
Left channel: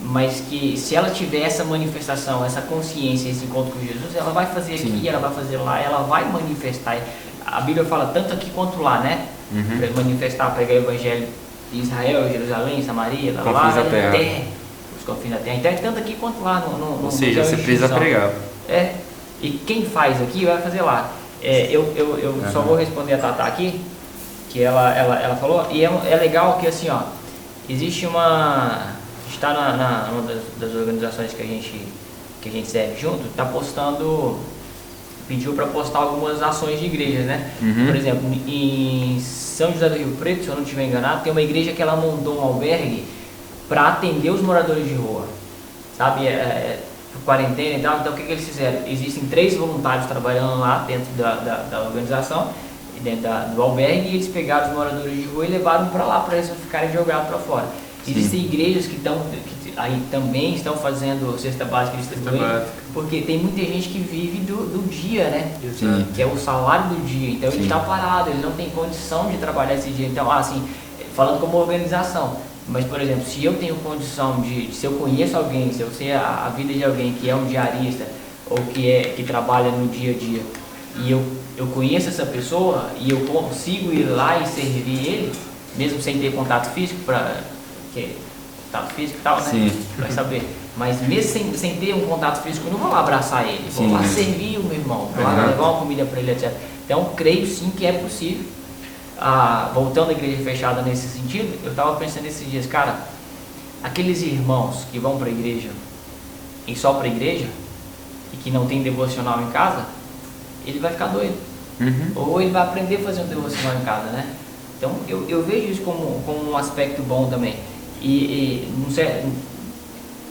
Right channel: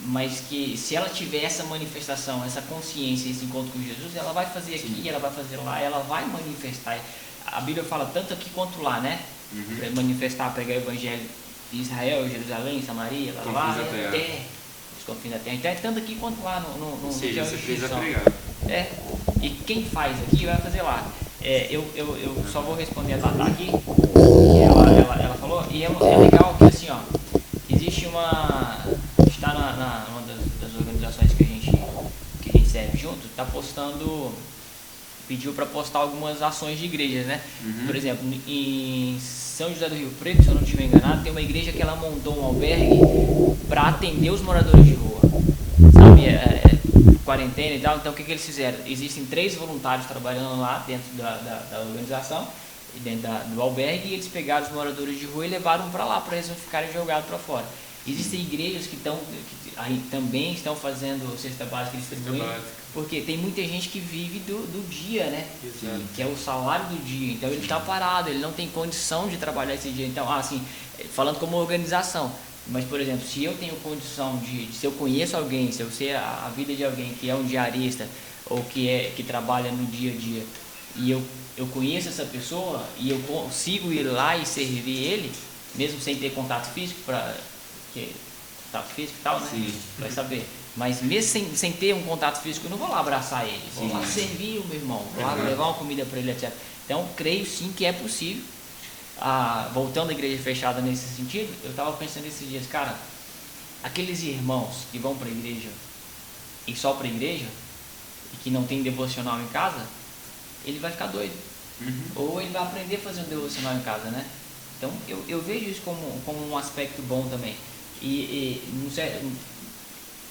mas que se ela tiver essa manifestação, essa consciência, esse encontro com Jesus, ela vai fazer aqui, ela vai fazer lá, ela vai manifestar. A Bíblia fala tanto aqui quanto lá, né? Para manifestar, pregar o evangelho de Israel, Jerusalém, Samaria, lá até os confins da terra. Então é tanto aqui quanto lá. Ou seja, você precisa pregar. E quem faz aqui vai fazer lá. Eu só vou responder a Tatá aqui, que ela falou, e é legal que assim, ó, existe está uma das organizações que a gente serve junto, está pediu para postar algumas ações de igrejas, né? Por exemplo, em São José do Rio Preto, se eu não estiver enganado, tem uma igreja que ela montou um albergue para atender os moradores de rua, sabe? Quarentena e tal. Então o que eles fizeram? Existem 3 voluntários trabalhando lá dentro da organização, dentro do albergue, e eles pegaram os moradores de rua e levaram para lá para eles não ficarem jogados para fora. Existem igrejas que também estão fazendo cesta básica distribuindo, porque tem muita gente que vive do dia, né? Que é o salário do dia. Então ele está parado, ele não tem condição de trabalhar esse dia. Então, assim, falando como organização. Mas, por exemplo, se eu tenho condição se eu conheço alguém, se eu sei a vida de alguém que é um diarista ou que trabalha no dia a dia, e eu conheço essa pessoa e eu consigo ir lá e servir ele, mesmo sem ter contato físico, contato físico e tal, né? Sim. Vai saber. Mas mesmo sem ter um contato físico, eu não vou lá abraçar ele, vou lá servir o meu irmão, vou lá levar uma comida para ele, etc. Então, creio sim que é possível. Voltando à igreja fechada nesse sentido, eu estava pensando esses dias, cara, aqueles irmãos que vão para a igreja e só para a igreja e que não tem devocional em casa, ele vai ficar doido. Ou ele vai aprender a fazer um devocional em casa, né? Então eu vejo isso como um aspecto bom também. E não sei,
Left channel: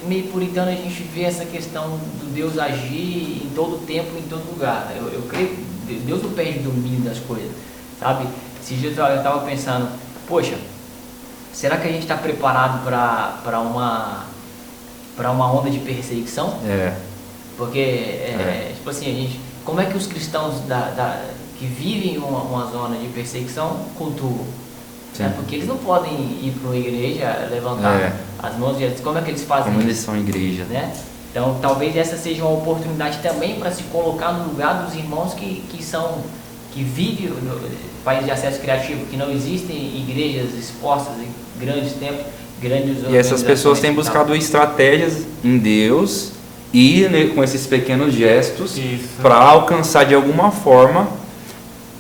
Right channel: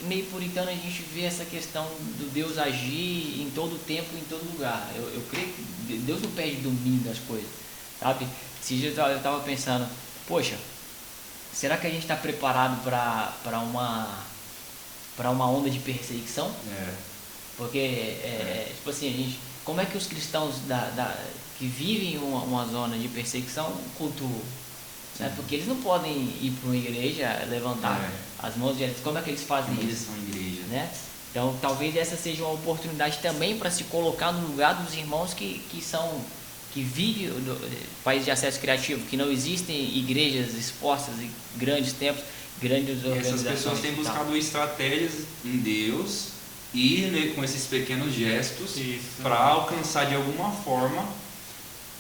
meio puritano a gente vê essa questão do Deus agir em todo tempo, em todo lugar. Eu creio que Deus não perde domínio das coisas, sabe? Esses dias eu estava pensando, poxa, será que a gente está preparado para uma onda de perseguição? Porque, tipo assim, como é que os cristãos que vivem uma zona de perseguição cultuam? Porque eles não podem ir para uma igreja, levantar as mãos, como é que eles fazem como isso? eles são igreja, né? Então, talvez essa seja uma oportunidade também para se colocar no lugar dos irmãos que vivem no país de acesso criativo, que não existem igrejas expostas em grandes templos, grandes organizações. E essas pessoas têm buscado estratégias em Deus e com esses pequenos gestos para alcançar de alguma forma,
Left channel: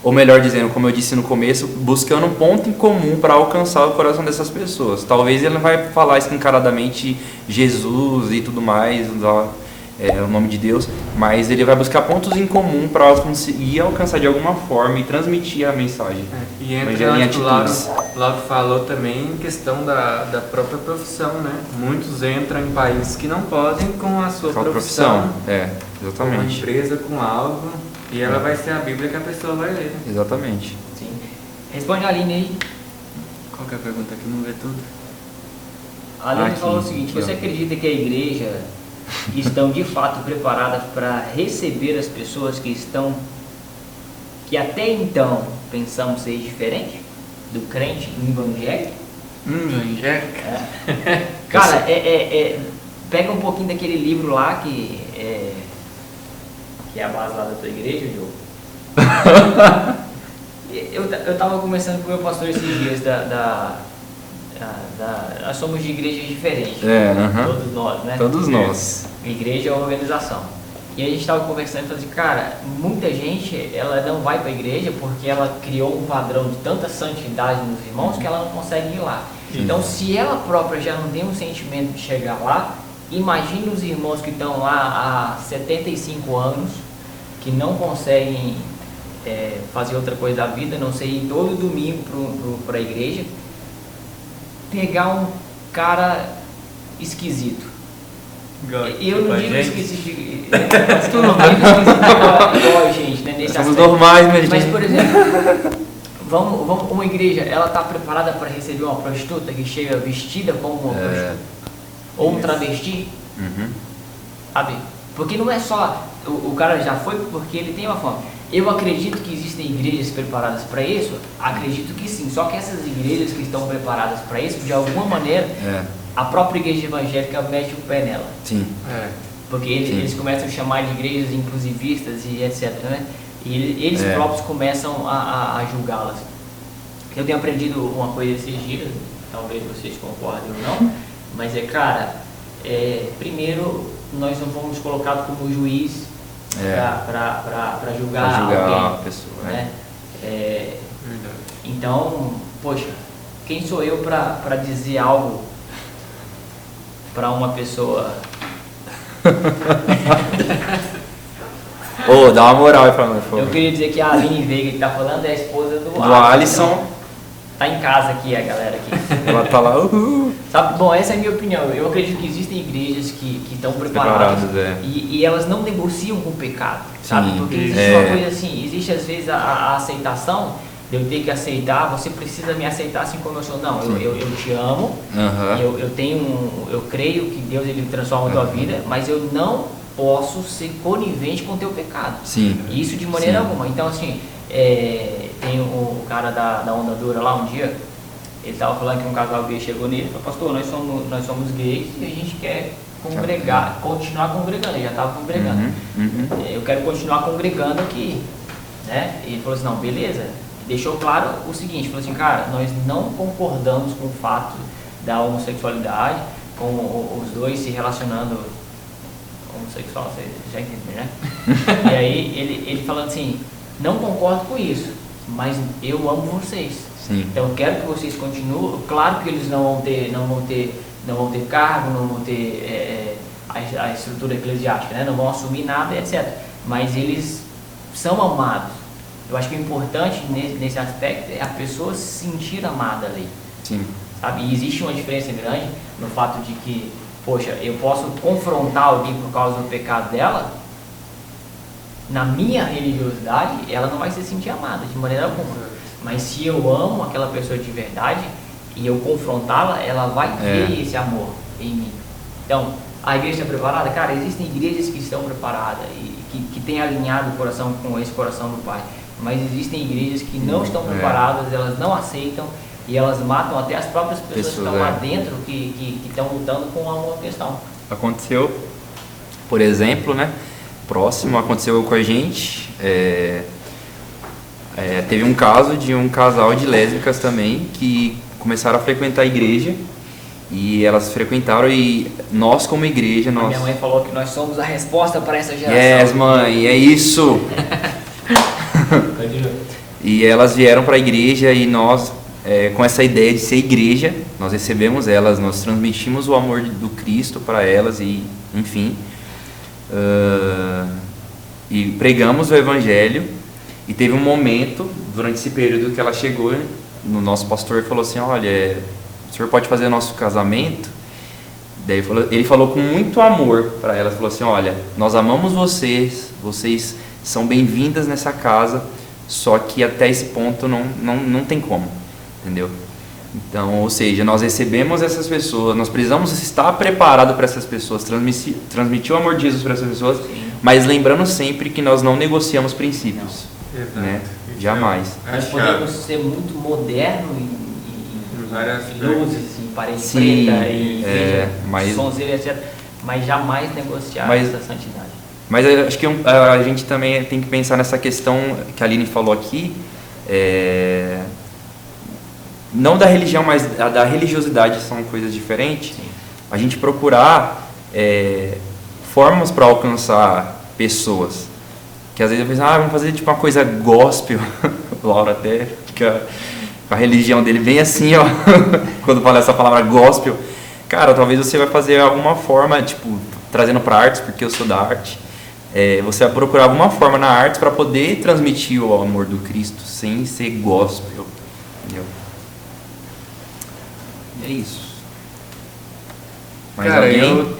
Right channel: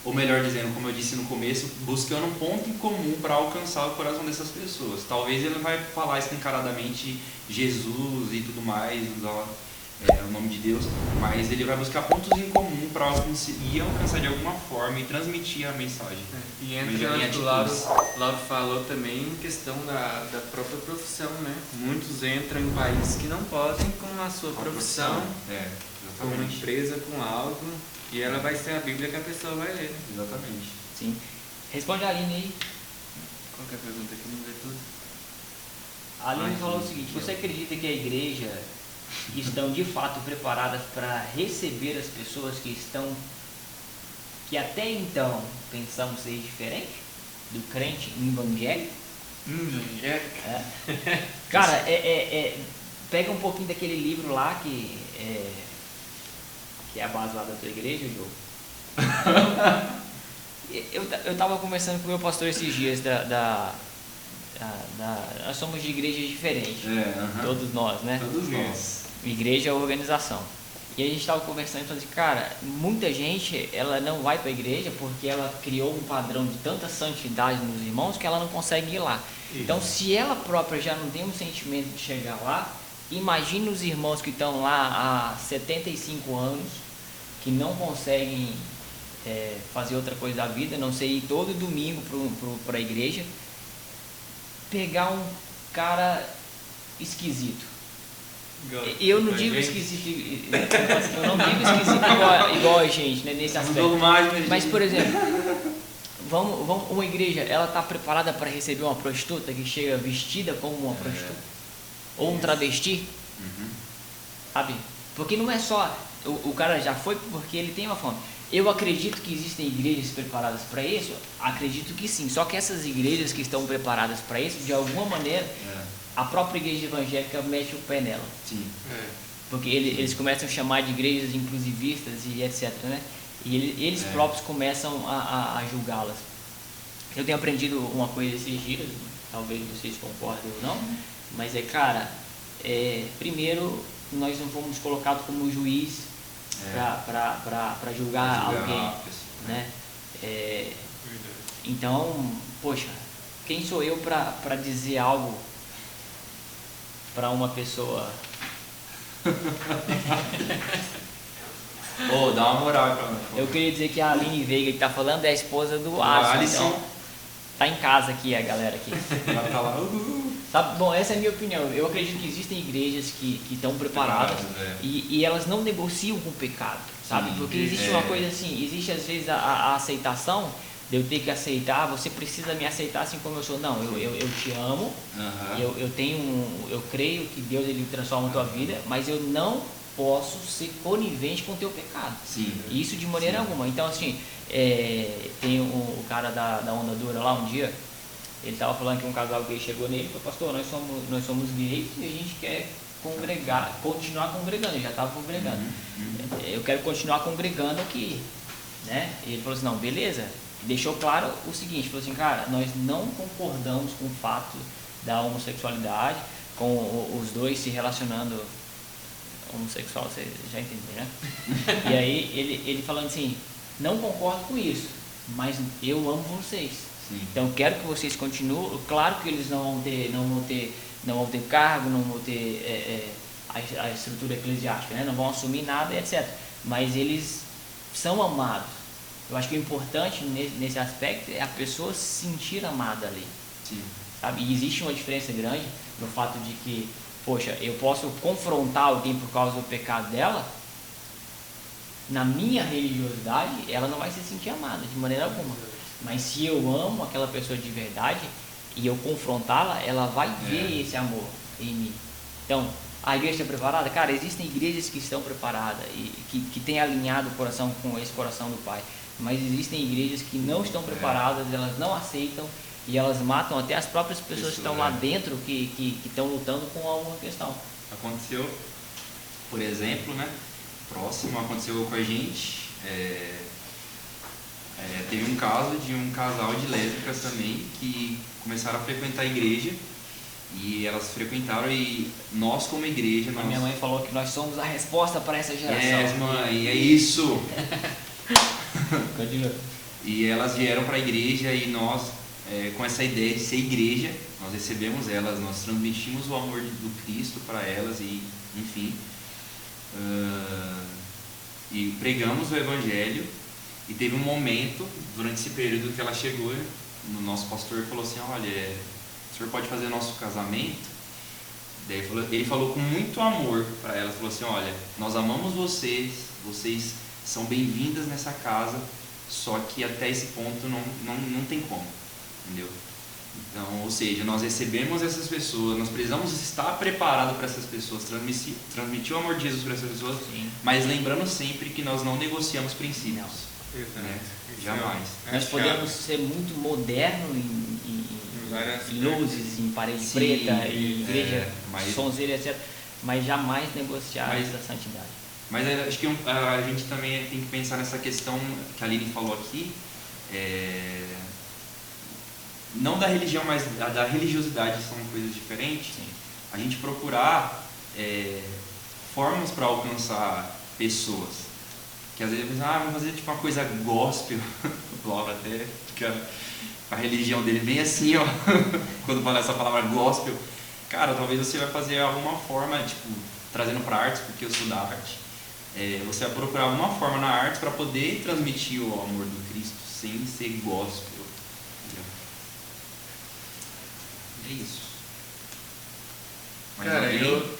ou melhor dizendo, como eu disse no começo, buscando um ponto em comum para alcançar o coração dessas pessoas. Talvez ele não vai falar escancaradamente Jesus e tudo mais, o nome de Deus, mas ele vai buscar pontos em comum para conseguir alcançar de alguma forma e transmitir a mensagem. E entra o que o Lauro falou também em questão da própria profissão, né? Muitos entram em países que não podem com a sua profissão. Exatamente. Uma empresa com algo, e ela vai ser a Bíblia que a pessoa vai ler. Exatamente. Sim. Responde a Aline aí. Qual que é a pergunta aqui? Não vê tudo? A Aline falou o seguinte: você acredita que a igreja estão de fato preparadas para receber as pessoas que até então pensamos ser diferente do crente evangélico? Evangélico? Cara, pega um pouquinho daquele livro lá que é a base lá da tua igreja, João. Eu tava conversando com o meu pastor esses dias nós somos de igrejas diferentes, todos nós, né? Todos nós. Igreja é uma organização. E a gente estava conversando e falou assim, cara, muita gente, ela não vai para a igreja porque ela criou um padrão de tanta santidade nos irmãos que ela não consegue ir lá. Então, se ela própria já não tem um sentimento de chegar lá, imagine os irmãos que estão lá há 75 anos, que não conseguem fazer outra coisa da vida, não sei, ir todo domingo para a igreja, pegar um cara esquisito. Eu não digo esquisito, eu não digo esquisito igual a gente, né, nesse somos aspecto. normais, mas por exemplo, vamos, uma igreja, ela está preparada para receber uma prostituta que chega vestida como uma prostituta? Ou um travesti? Sabe? Porque não é só, o cara já foi porque ele tem uma fome. Eu acredito que existem igrejas preparadas para isso, acredito que sim, só que essas igrejas que estão preparadas para isso, de alguma maneira, a própria igreja evangélica mete o pé nela. Sim. Porque eles começam a chamar de igrejas inclusivistas e etc, né? E eles próprios começam a julgá-las. Eu tenho aprendido uma coisa esses dias, talvez vocês concordem ou não, mas cara, primeiro nós não fomos colocados como juiz para julgar alguém, a pessoa, né? Então, poxa, quem sou eu para dizer algo para uma pessoa? Dá uma moral aí pra nós, por favor. Eu queria dizer que a Aline Veiga que tá falando é a esposa do Alisson. Então, tá em casa aqui a galera aqui. Ela tá lá. Sabe? Bom, essa é a minha opinião. Eu acredito que existem igrejas que estão preparadas e elas não negociam com o pecado, sabe? Porque existe uma coisa assim, existe às vezes a aceitação, de eu ter que aceitar, você precisa me aceitar assim como eu sou. Não, eu te amo, eu creio que Deus ele transforma a tua vida, mas eu não posso ser conivente com o teu pecado. Sim. Isso de maneira alguma. Então assim, tem o cara da Onda Dura lá um dia, Ele estava falando que um casal gay chegou nele e falou, pastor, nós somos gays e a gente quer congregar, continuar congregando. Ele já estava congregando. Eu quero continuar congregando aqui, né? E ele falou assim, não, beleza. Deixou claro o seguinte, falou assim, cara, nós não concordamos com o fato da homossexualidade, com os dois se relacionando homossexual, você já entendeu, né? E aí ele falando assim, não concordo com isso, mas eu amo vocês. Sim. Então eu quero que vocês continuem. Claro que eles não vão ter cargo, não vão ter a estrutura eclesiástica, né? Não vão assumir nada, etc. Mas eles são amados. Eu acho que o importante nesse aspecto é a pessoa se sentir amada ali. Sim. Sabe? E existe uma diferença grande no fato de que, poxa, eu posso confrontar alguém por causa do pecado dela. Na minha religiosidade, ela não vai se sentir amada de maneira alguma. Mas se eu amo aquela pessoa de verdade e eu confrontá-la, ela vai ver esse amor em mim. Então, a igreja está preparada? Cara, existem igrejas que estão preparadas e que têm alinhado o coração com esse coração do Pai. Mas existem igrejas que não estão preparadas, elas não aceitam e elas matam até as próprias pessoas que estão lá dentro, que estão lutando com uma questão. Aconteceu, por exemplo, né? Próximo, aconteceu com a gente. Teve um caso de um casal de lésbicas também que começaram a frequentar a igreja e elas frequentaram e nós como igreja... A minha mãe falou que nós somos a resposta para essa geração. Yes, mãe, é isso! E elas vieram para a igreja e nós, com essa ideia de ser igreja, nós recebemos elas, nós transmitimos o amor do Cristo para elas e, enfim, e pregamos o Evangelho. E teve um momento, durante esse período, que ela chegou no nosso pastor e falou assim, olha, o senhor pode fazer o nosso casamento? Daí ele falou com muito amor para elas, falou assim, olha, nós amamos vocês, vocês são bem-vindas nessa casa, só que até esse ponto não tem como, entendeu? Então, ou seja, nós recebemos essas pessoas, nós precisamos estar preparados para essas pessoas, transmitir o amor de Jesus para essas pessoas, mas lembrando sempre que nós não negociamos princípios. Exato. Né? Jamais. Nós podemos ser muito modernos em várias luzes, em parede preta, e mas... sonzeira, etc. Mas jamais negociar essa santidade. Mas eu acho que a gente também tem que pensar nessa questão que a Aline falou aqui, não da religião, mas da religiosidade, são coisas diferentes. Sim. A gente procurar formas para alcançar pessoas. Que às vezes eu penso, vamos fazer tipo uma coisa gospel. O Laura até fica com a religião dele bem assim, ó, quando fala essa palavra gospel. Cara, talvez você vai fazer alguma forma, tipo, trazendo para artes, porque eu sou da arte. Você vai procurar alguma forma na arte para poder transmitir o amor do Cristo sem ser gospel. Entendeu? É isso. Mas cara, eu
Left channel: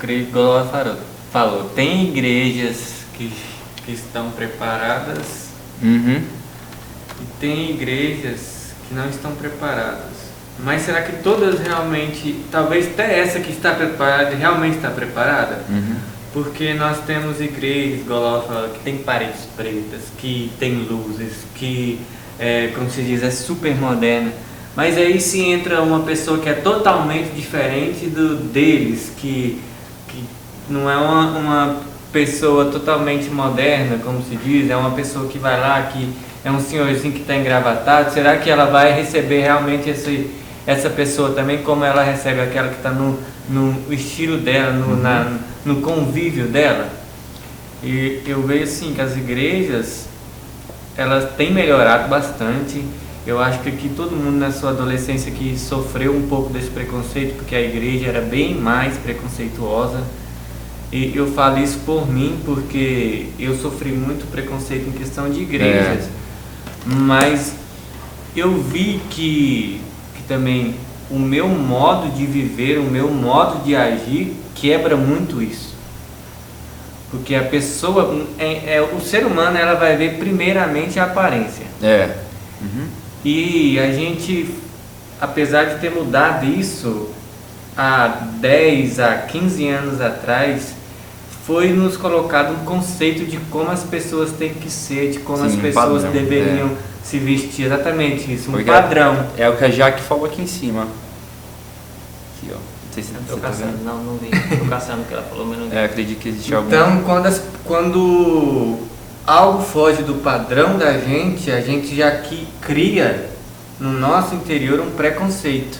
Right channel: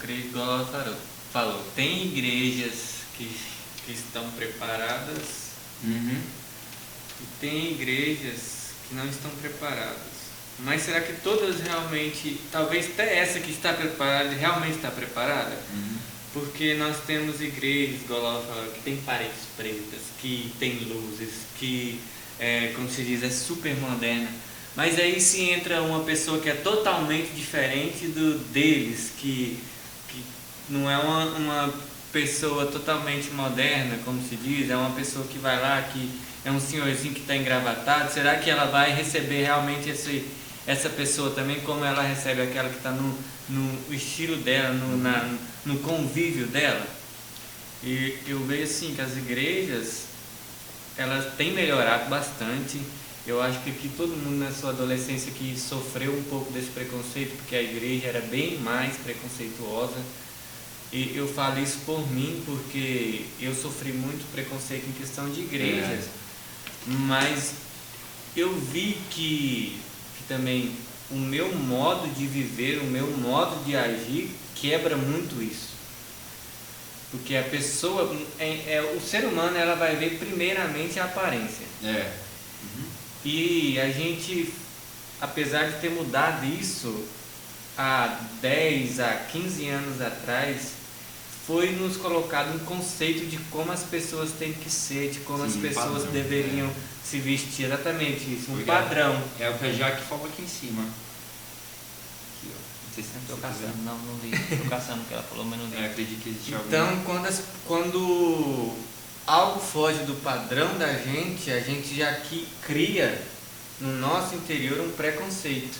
creio que igual ela falou, tem igrejas que estão preparadas e tem igrejas que não estão preparadas. Mas será que todas realmente, talvez até essa que está preparada, realmente está preparada? Porque nós temos igrejas, igual ela falou, que tem paredes pretas, que tem luzes, que, como se diz, é super moderna. Mas aí se entra uma pessoa que é totalmente diferente deles, que não é uma pessoa totalmente moderna, como se diz, é uma pessoa que vai lá, que é um senhorzinho que está engravatado. Será que ela vai receber realmente essa pessoa também, como ela recebe aquela que está no estilo dela, no convívio dela? E eu vejo assim que as igrejas, elas têm melhorado bastante. Eu acho que aqui todo mundo na sua adolescência que sofreu um pouco desse preconceito, porque a igreja era bem mais preconceituosa. E eu falo isso por mim, porque eu sofri muito preconceito em questão de igrejas. Mas eu vi que também o meu modo de viver, o meu modo de agir quebra muito isso. Porque a pessoa, o ser humano, ela vai ver primeiramente a aparência. E a gente, apesar de ter mudado isso há 10, há 15 anos atrás, foi nos colocado um conceito de como as pessoas têm que ser, de como as pessoas deveriam se vestir, exatamente isso, um Porque padrão. É o que a Jaque falou aqui em cima. Aqui, ó. Não sei se Tô você tá caçando, vendo. não vi. Tô caçando o que ela falou, mas não vi. Acredito que existe algum... Então, quando algo foge do padrão da gente, a gente já cria no nosso interior um preconceito.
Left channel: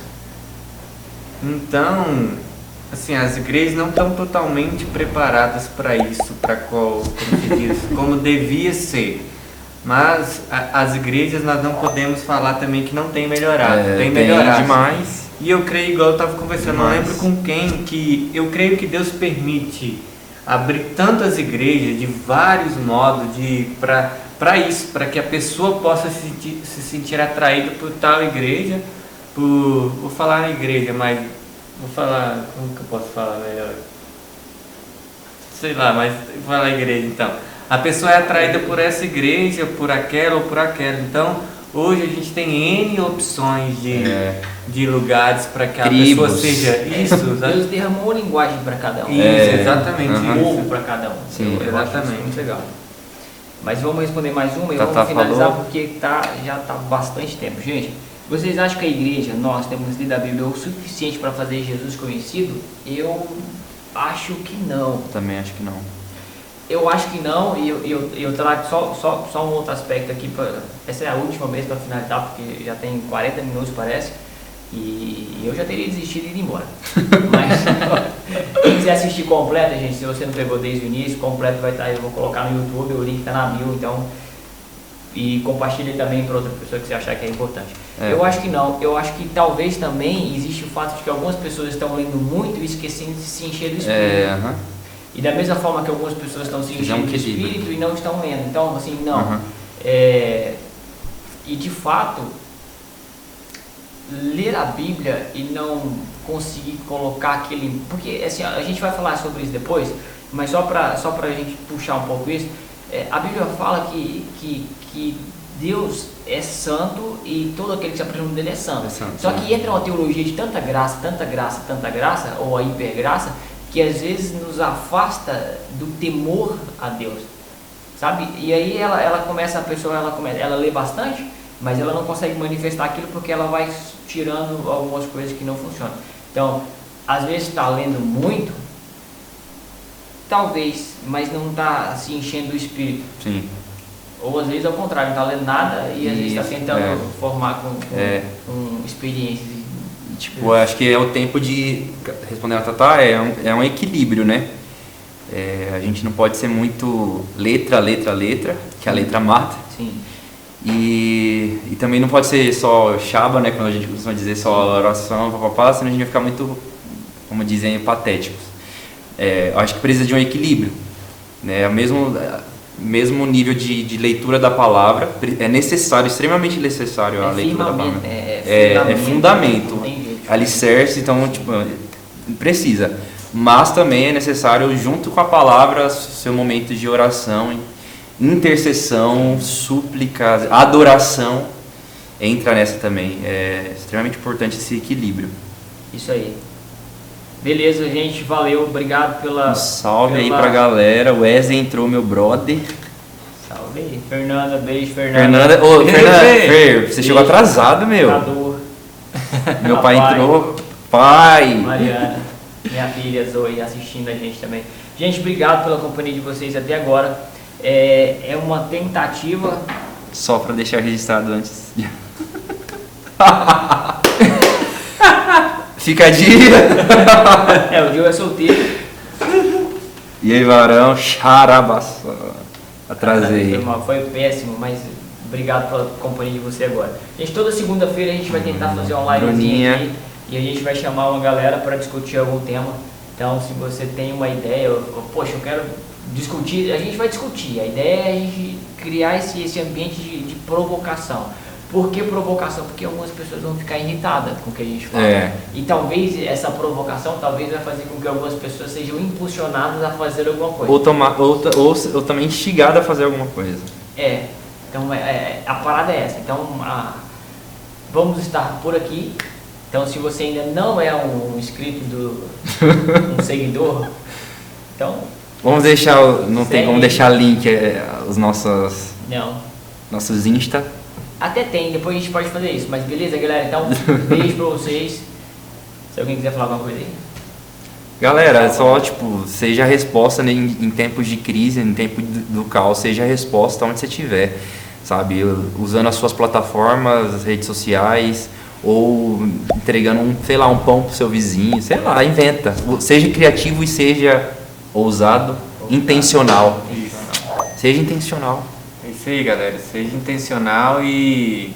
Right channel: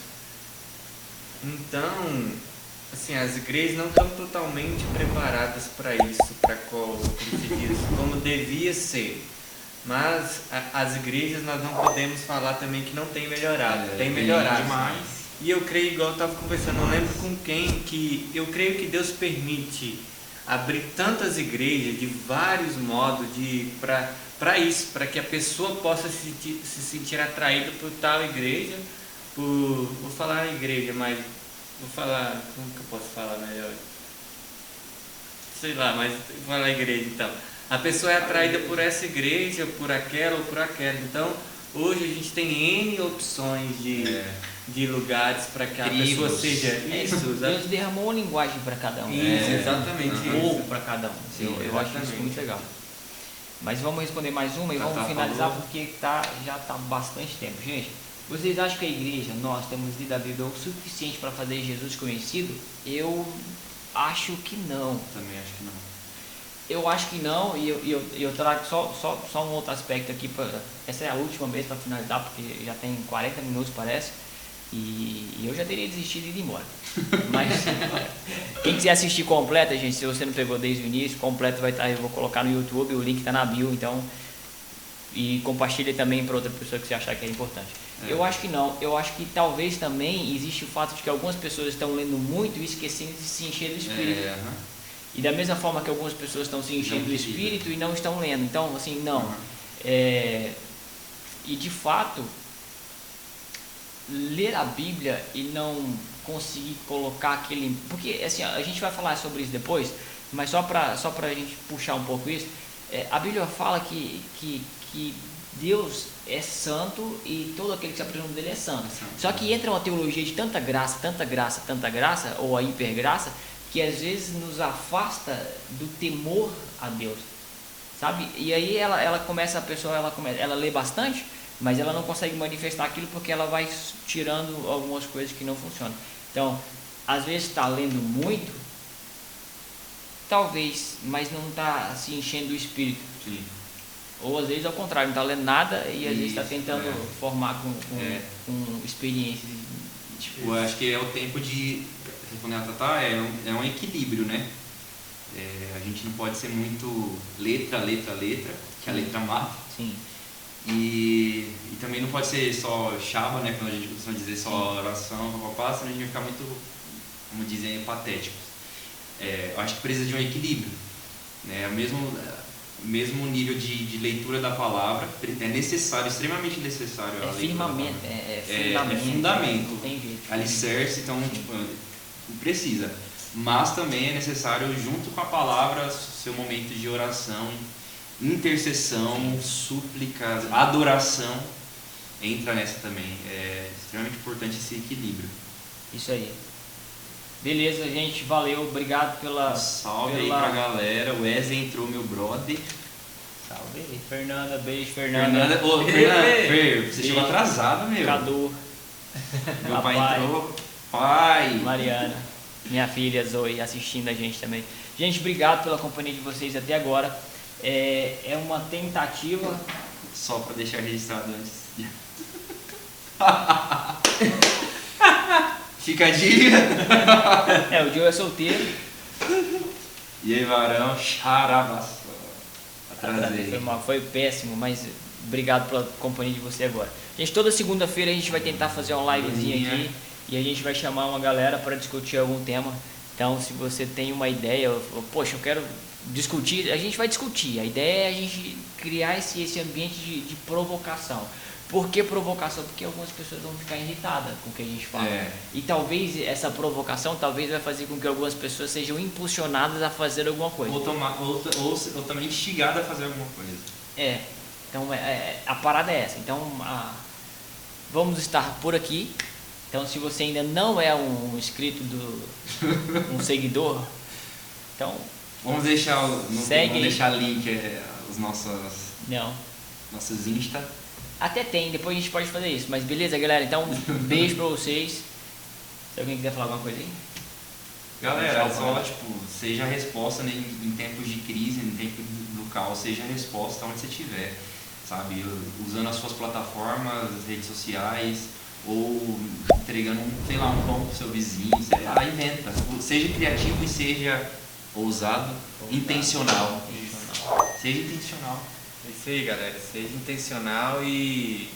Então, assim, as igrejas não estão totalmente preparadas para isso, como se diz, como devia ser. Mas as igrejas nós não podemos falar também que não tem melhorado, tem melhorado demais. E eu creio, igual eu estava conversando, não lembro com quem, que eu creio que Deus permite abrir tantas igrejas de vários modos para isso, para que a pessoa possa se sentir atraída por tal igreja, vou falar igreja, mas vou falar, como que eu posso falar melhor? Sei lá, mas vou falar igreja então. A pessoa é atraída por essa igreja, por aquela ou por aquela. Então, hoje a gente tem N opções de lugares para que a pessoa seja isso. Deus derramou uma linguagem para cada um. Isso, exatamente. Um povo para cada um. Sim, eu acho isso muito legal. Mas vamos responder mais uma e vamos finalizar porque já está bastante tempo. Gente, vocês acham que a igreja, nós temos lido a Bíblia o suficiente para fazer Jesus conhecido? Eu acho que não. Também acho que não. Eu acho que não, e eu trago só um outro aspecto aqui. Essa é a última vez para finalizar, porque já tem 40 minutos, parece, e eu já teria desistido e ido embora. Mas quem quiser assistir completa, gente, se você não pegou desde o início, completo vai estar, eu vou colocar no YouTube, o link está na bio, então, e compartilhe também para outra pessoa que você achar que é importante. Eu acho que não, eu acho que talvez também existe o fato de que algumas pessoas estão lendo muito e esquecendo de se encher do Espírito. E da mesma forma que algumas pessoas estão se enchendo do Espírito e não estão lendo. Então, assim, não. E de fato, ler a Bíblia e não conseguir colocar aquele... Porque, assim, a gente vai falar sobre isso depois, mas só pra gente puxar um pouco isso, a Bíblia fala que Deus é santo e todo aquele que se apresenta dele é santo. Só que entra uma teologia de tanta graça, ou a hipergraça, que às vezes nos afasta do temor a Deus, sabe? E aí a pessoa ela lê bastante, mas ela não consegue manifestar aquilo porque ela vai tirando algumas coisas que não funcionam. Então, às vezes está lendo muito, talvez, mas não está se enchendo do Espírito. Sim. Ou às vezes ao contrário, não está lendo nada e às vezes está tentando formar com experiências. Tipo, acho que é o tempo de, respondendo a Tatá, é um equilíbrio, né? A gente não pode ser muito letra, que a letra mata. Sim. E também não pode ser só chaba, né? Quando a gente costuma dizer só oração, papapá, senão a gente vai ficar muito, como dizem, patéticos. Eu acho que precisa de um equilíbrio, né? Mesmo nível de leitura da palavra, é necessário, extremamente necessário a leitura da palavra. É fundamento, não tem jeito. Alicerce, então, tipo, precisa. Mas também é necessário, junto com a palavra, seu momento de oração, intercessão, súplica, adoração, entra nessa também. É extremamente importante esse equilíbrio. Isso aí. Beleza, gente, valeu, obrigado pela... Salve aí pra galera, o Wesley entrou, meu brother. Salve aí, Fernanda, beijo, Fernanda. Fer, você chegou atrasado, meu. Meu pai entrou, pai. Mariana, minha filha Zoe, assistindo a gente também. Gente, obrigado pela companhia de vocês até agora. É uma tentativa... Só pra deixar registrado antes. Fica a dica. O Gil é solteiro. E aí, varão, xarabaça. Atrasei. Foi péssimo, mas obrigado pela companhia de você agora. Gente, toda segunda-feira a gente vai tentar fazer uma livezinha aqui e a gente vai chamar uma galera para discutir algum tema. Então, se você tem uma ideia, poxa, eu quero discutir, a gente vai discutir. A ideia é a gente criar esse ambiente de provocação. Por que provocação? Porque algumas pessoas vão ficar irritadas com o que a gente fala. E talvez essa provocação vai fazer com que algumas pessoas sejam impulsionadas a fazer alguma coisa. Ou também instigadas a fazer alguma coisa. Então a parada é essa. Então vamos estar por aqui. Então se você ainda não é um inscrito um seguidor, então... Vamos deixar, vamos deixar link os nossos Insta. Até tem, depois a gente pode fazer isso. Mas beleza, galera? Então, beijo pra vocês. Se alguém quiser falar alguma coisa aí. Galera, é só, tipo, seja a resposta em tempos de crise, em tempo do caos, seja a resposta onde você estiver, sabe? Usando as suas plataformas, as redes sociais, ou entregando sei lá, um pão pro seu vizinho, sei lá, inventa. Seja criativo e seja ousado, intencional. Seja intencional. É isso aí, galera. Seja intencional e,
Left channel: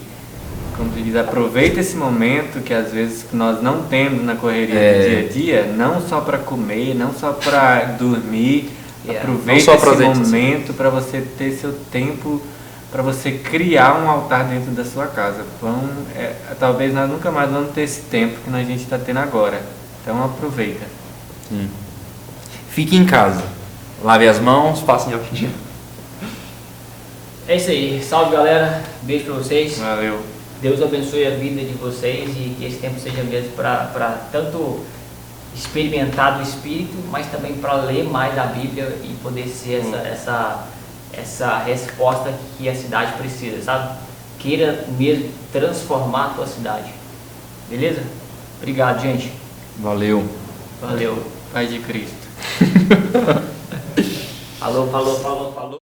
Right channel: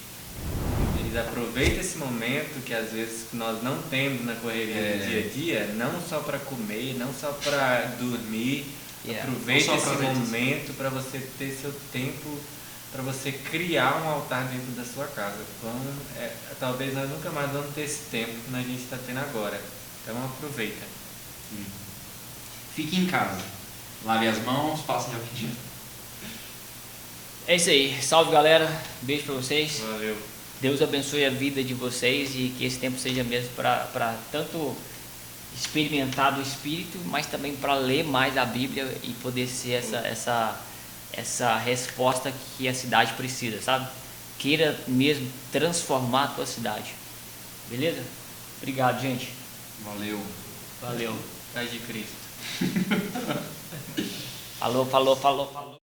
como diz, aproveita esse momento que às vezes nós não temos na correria do dia a dia, não só para comer, não só para dormir. Aproveita esse momento para você ter seu tempo, para você criar um altar dentro da sua casa. Talvez nós nunca mais vamos ter esse tempo que a gente está tendo agora. Então aproveita. Fique em casa. Lave as mãos, passem álcool em gel. É isso aí. Salve, galera. Beijo pra vocês. Valeu. Deus abençoe a vida de vocês e que esse tempo seja mesmo para tanto experimentar do Espírito, mas também para ler mais a Bíblia e poder ser essa resposta que a cidade precisa, sabe? Queira mesmo transformar a tua cidade. Beleza? Obrigado, gente. Valeu. Valeu. Paz de Cristo. Falou.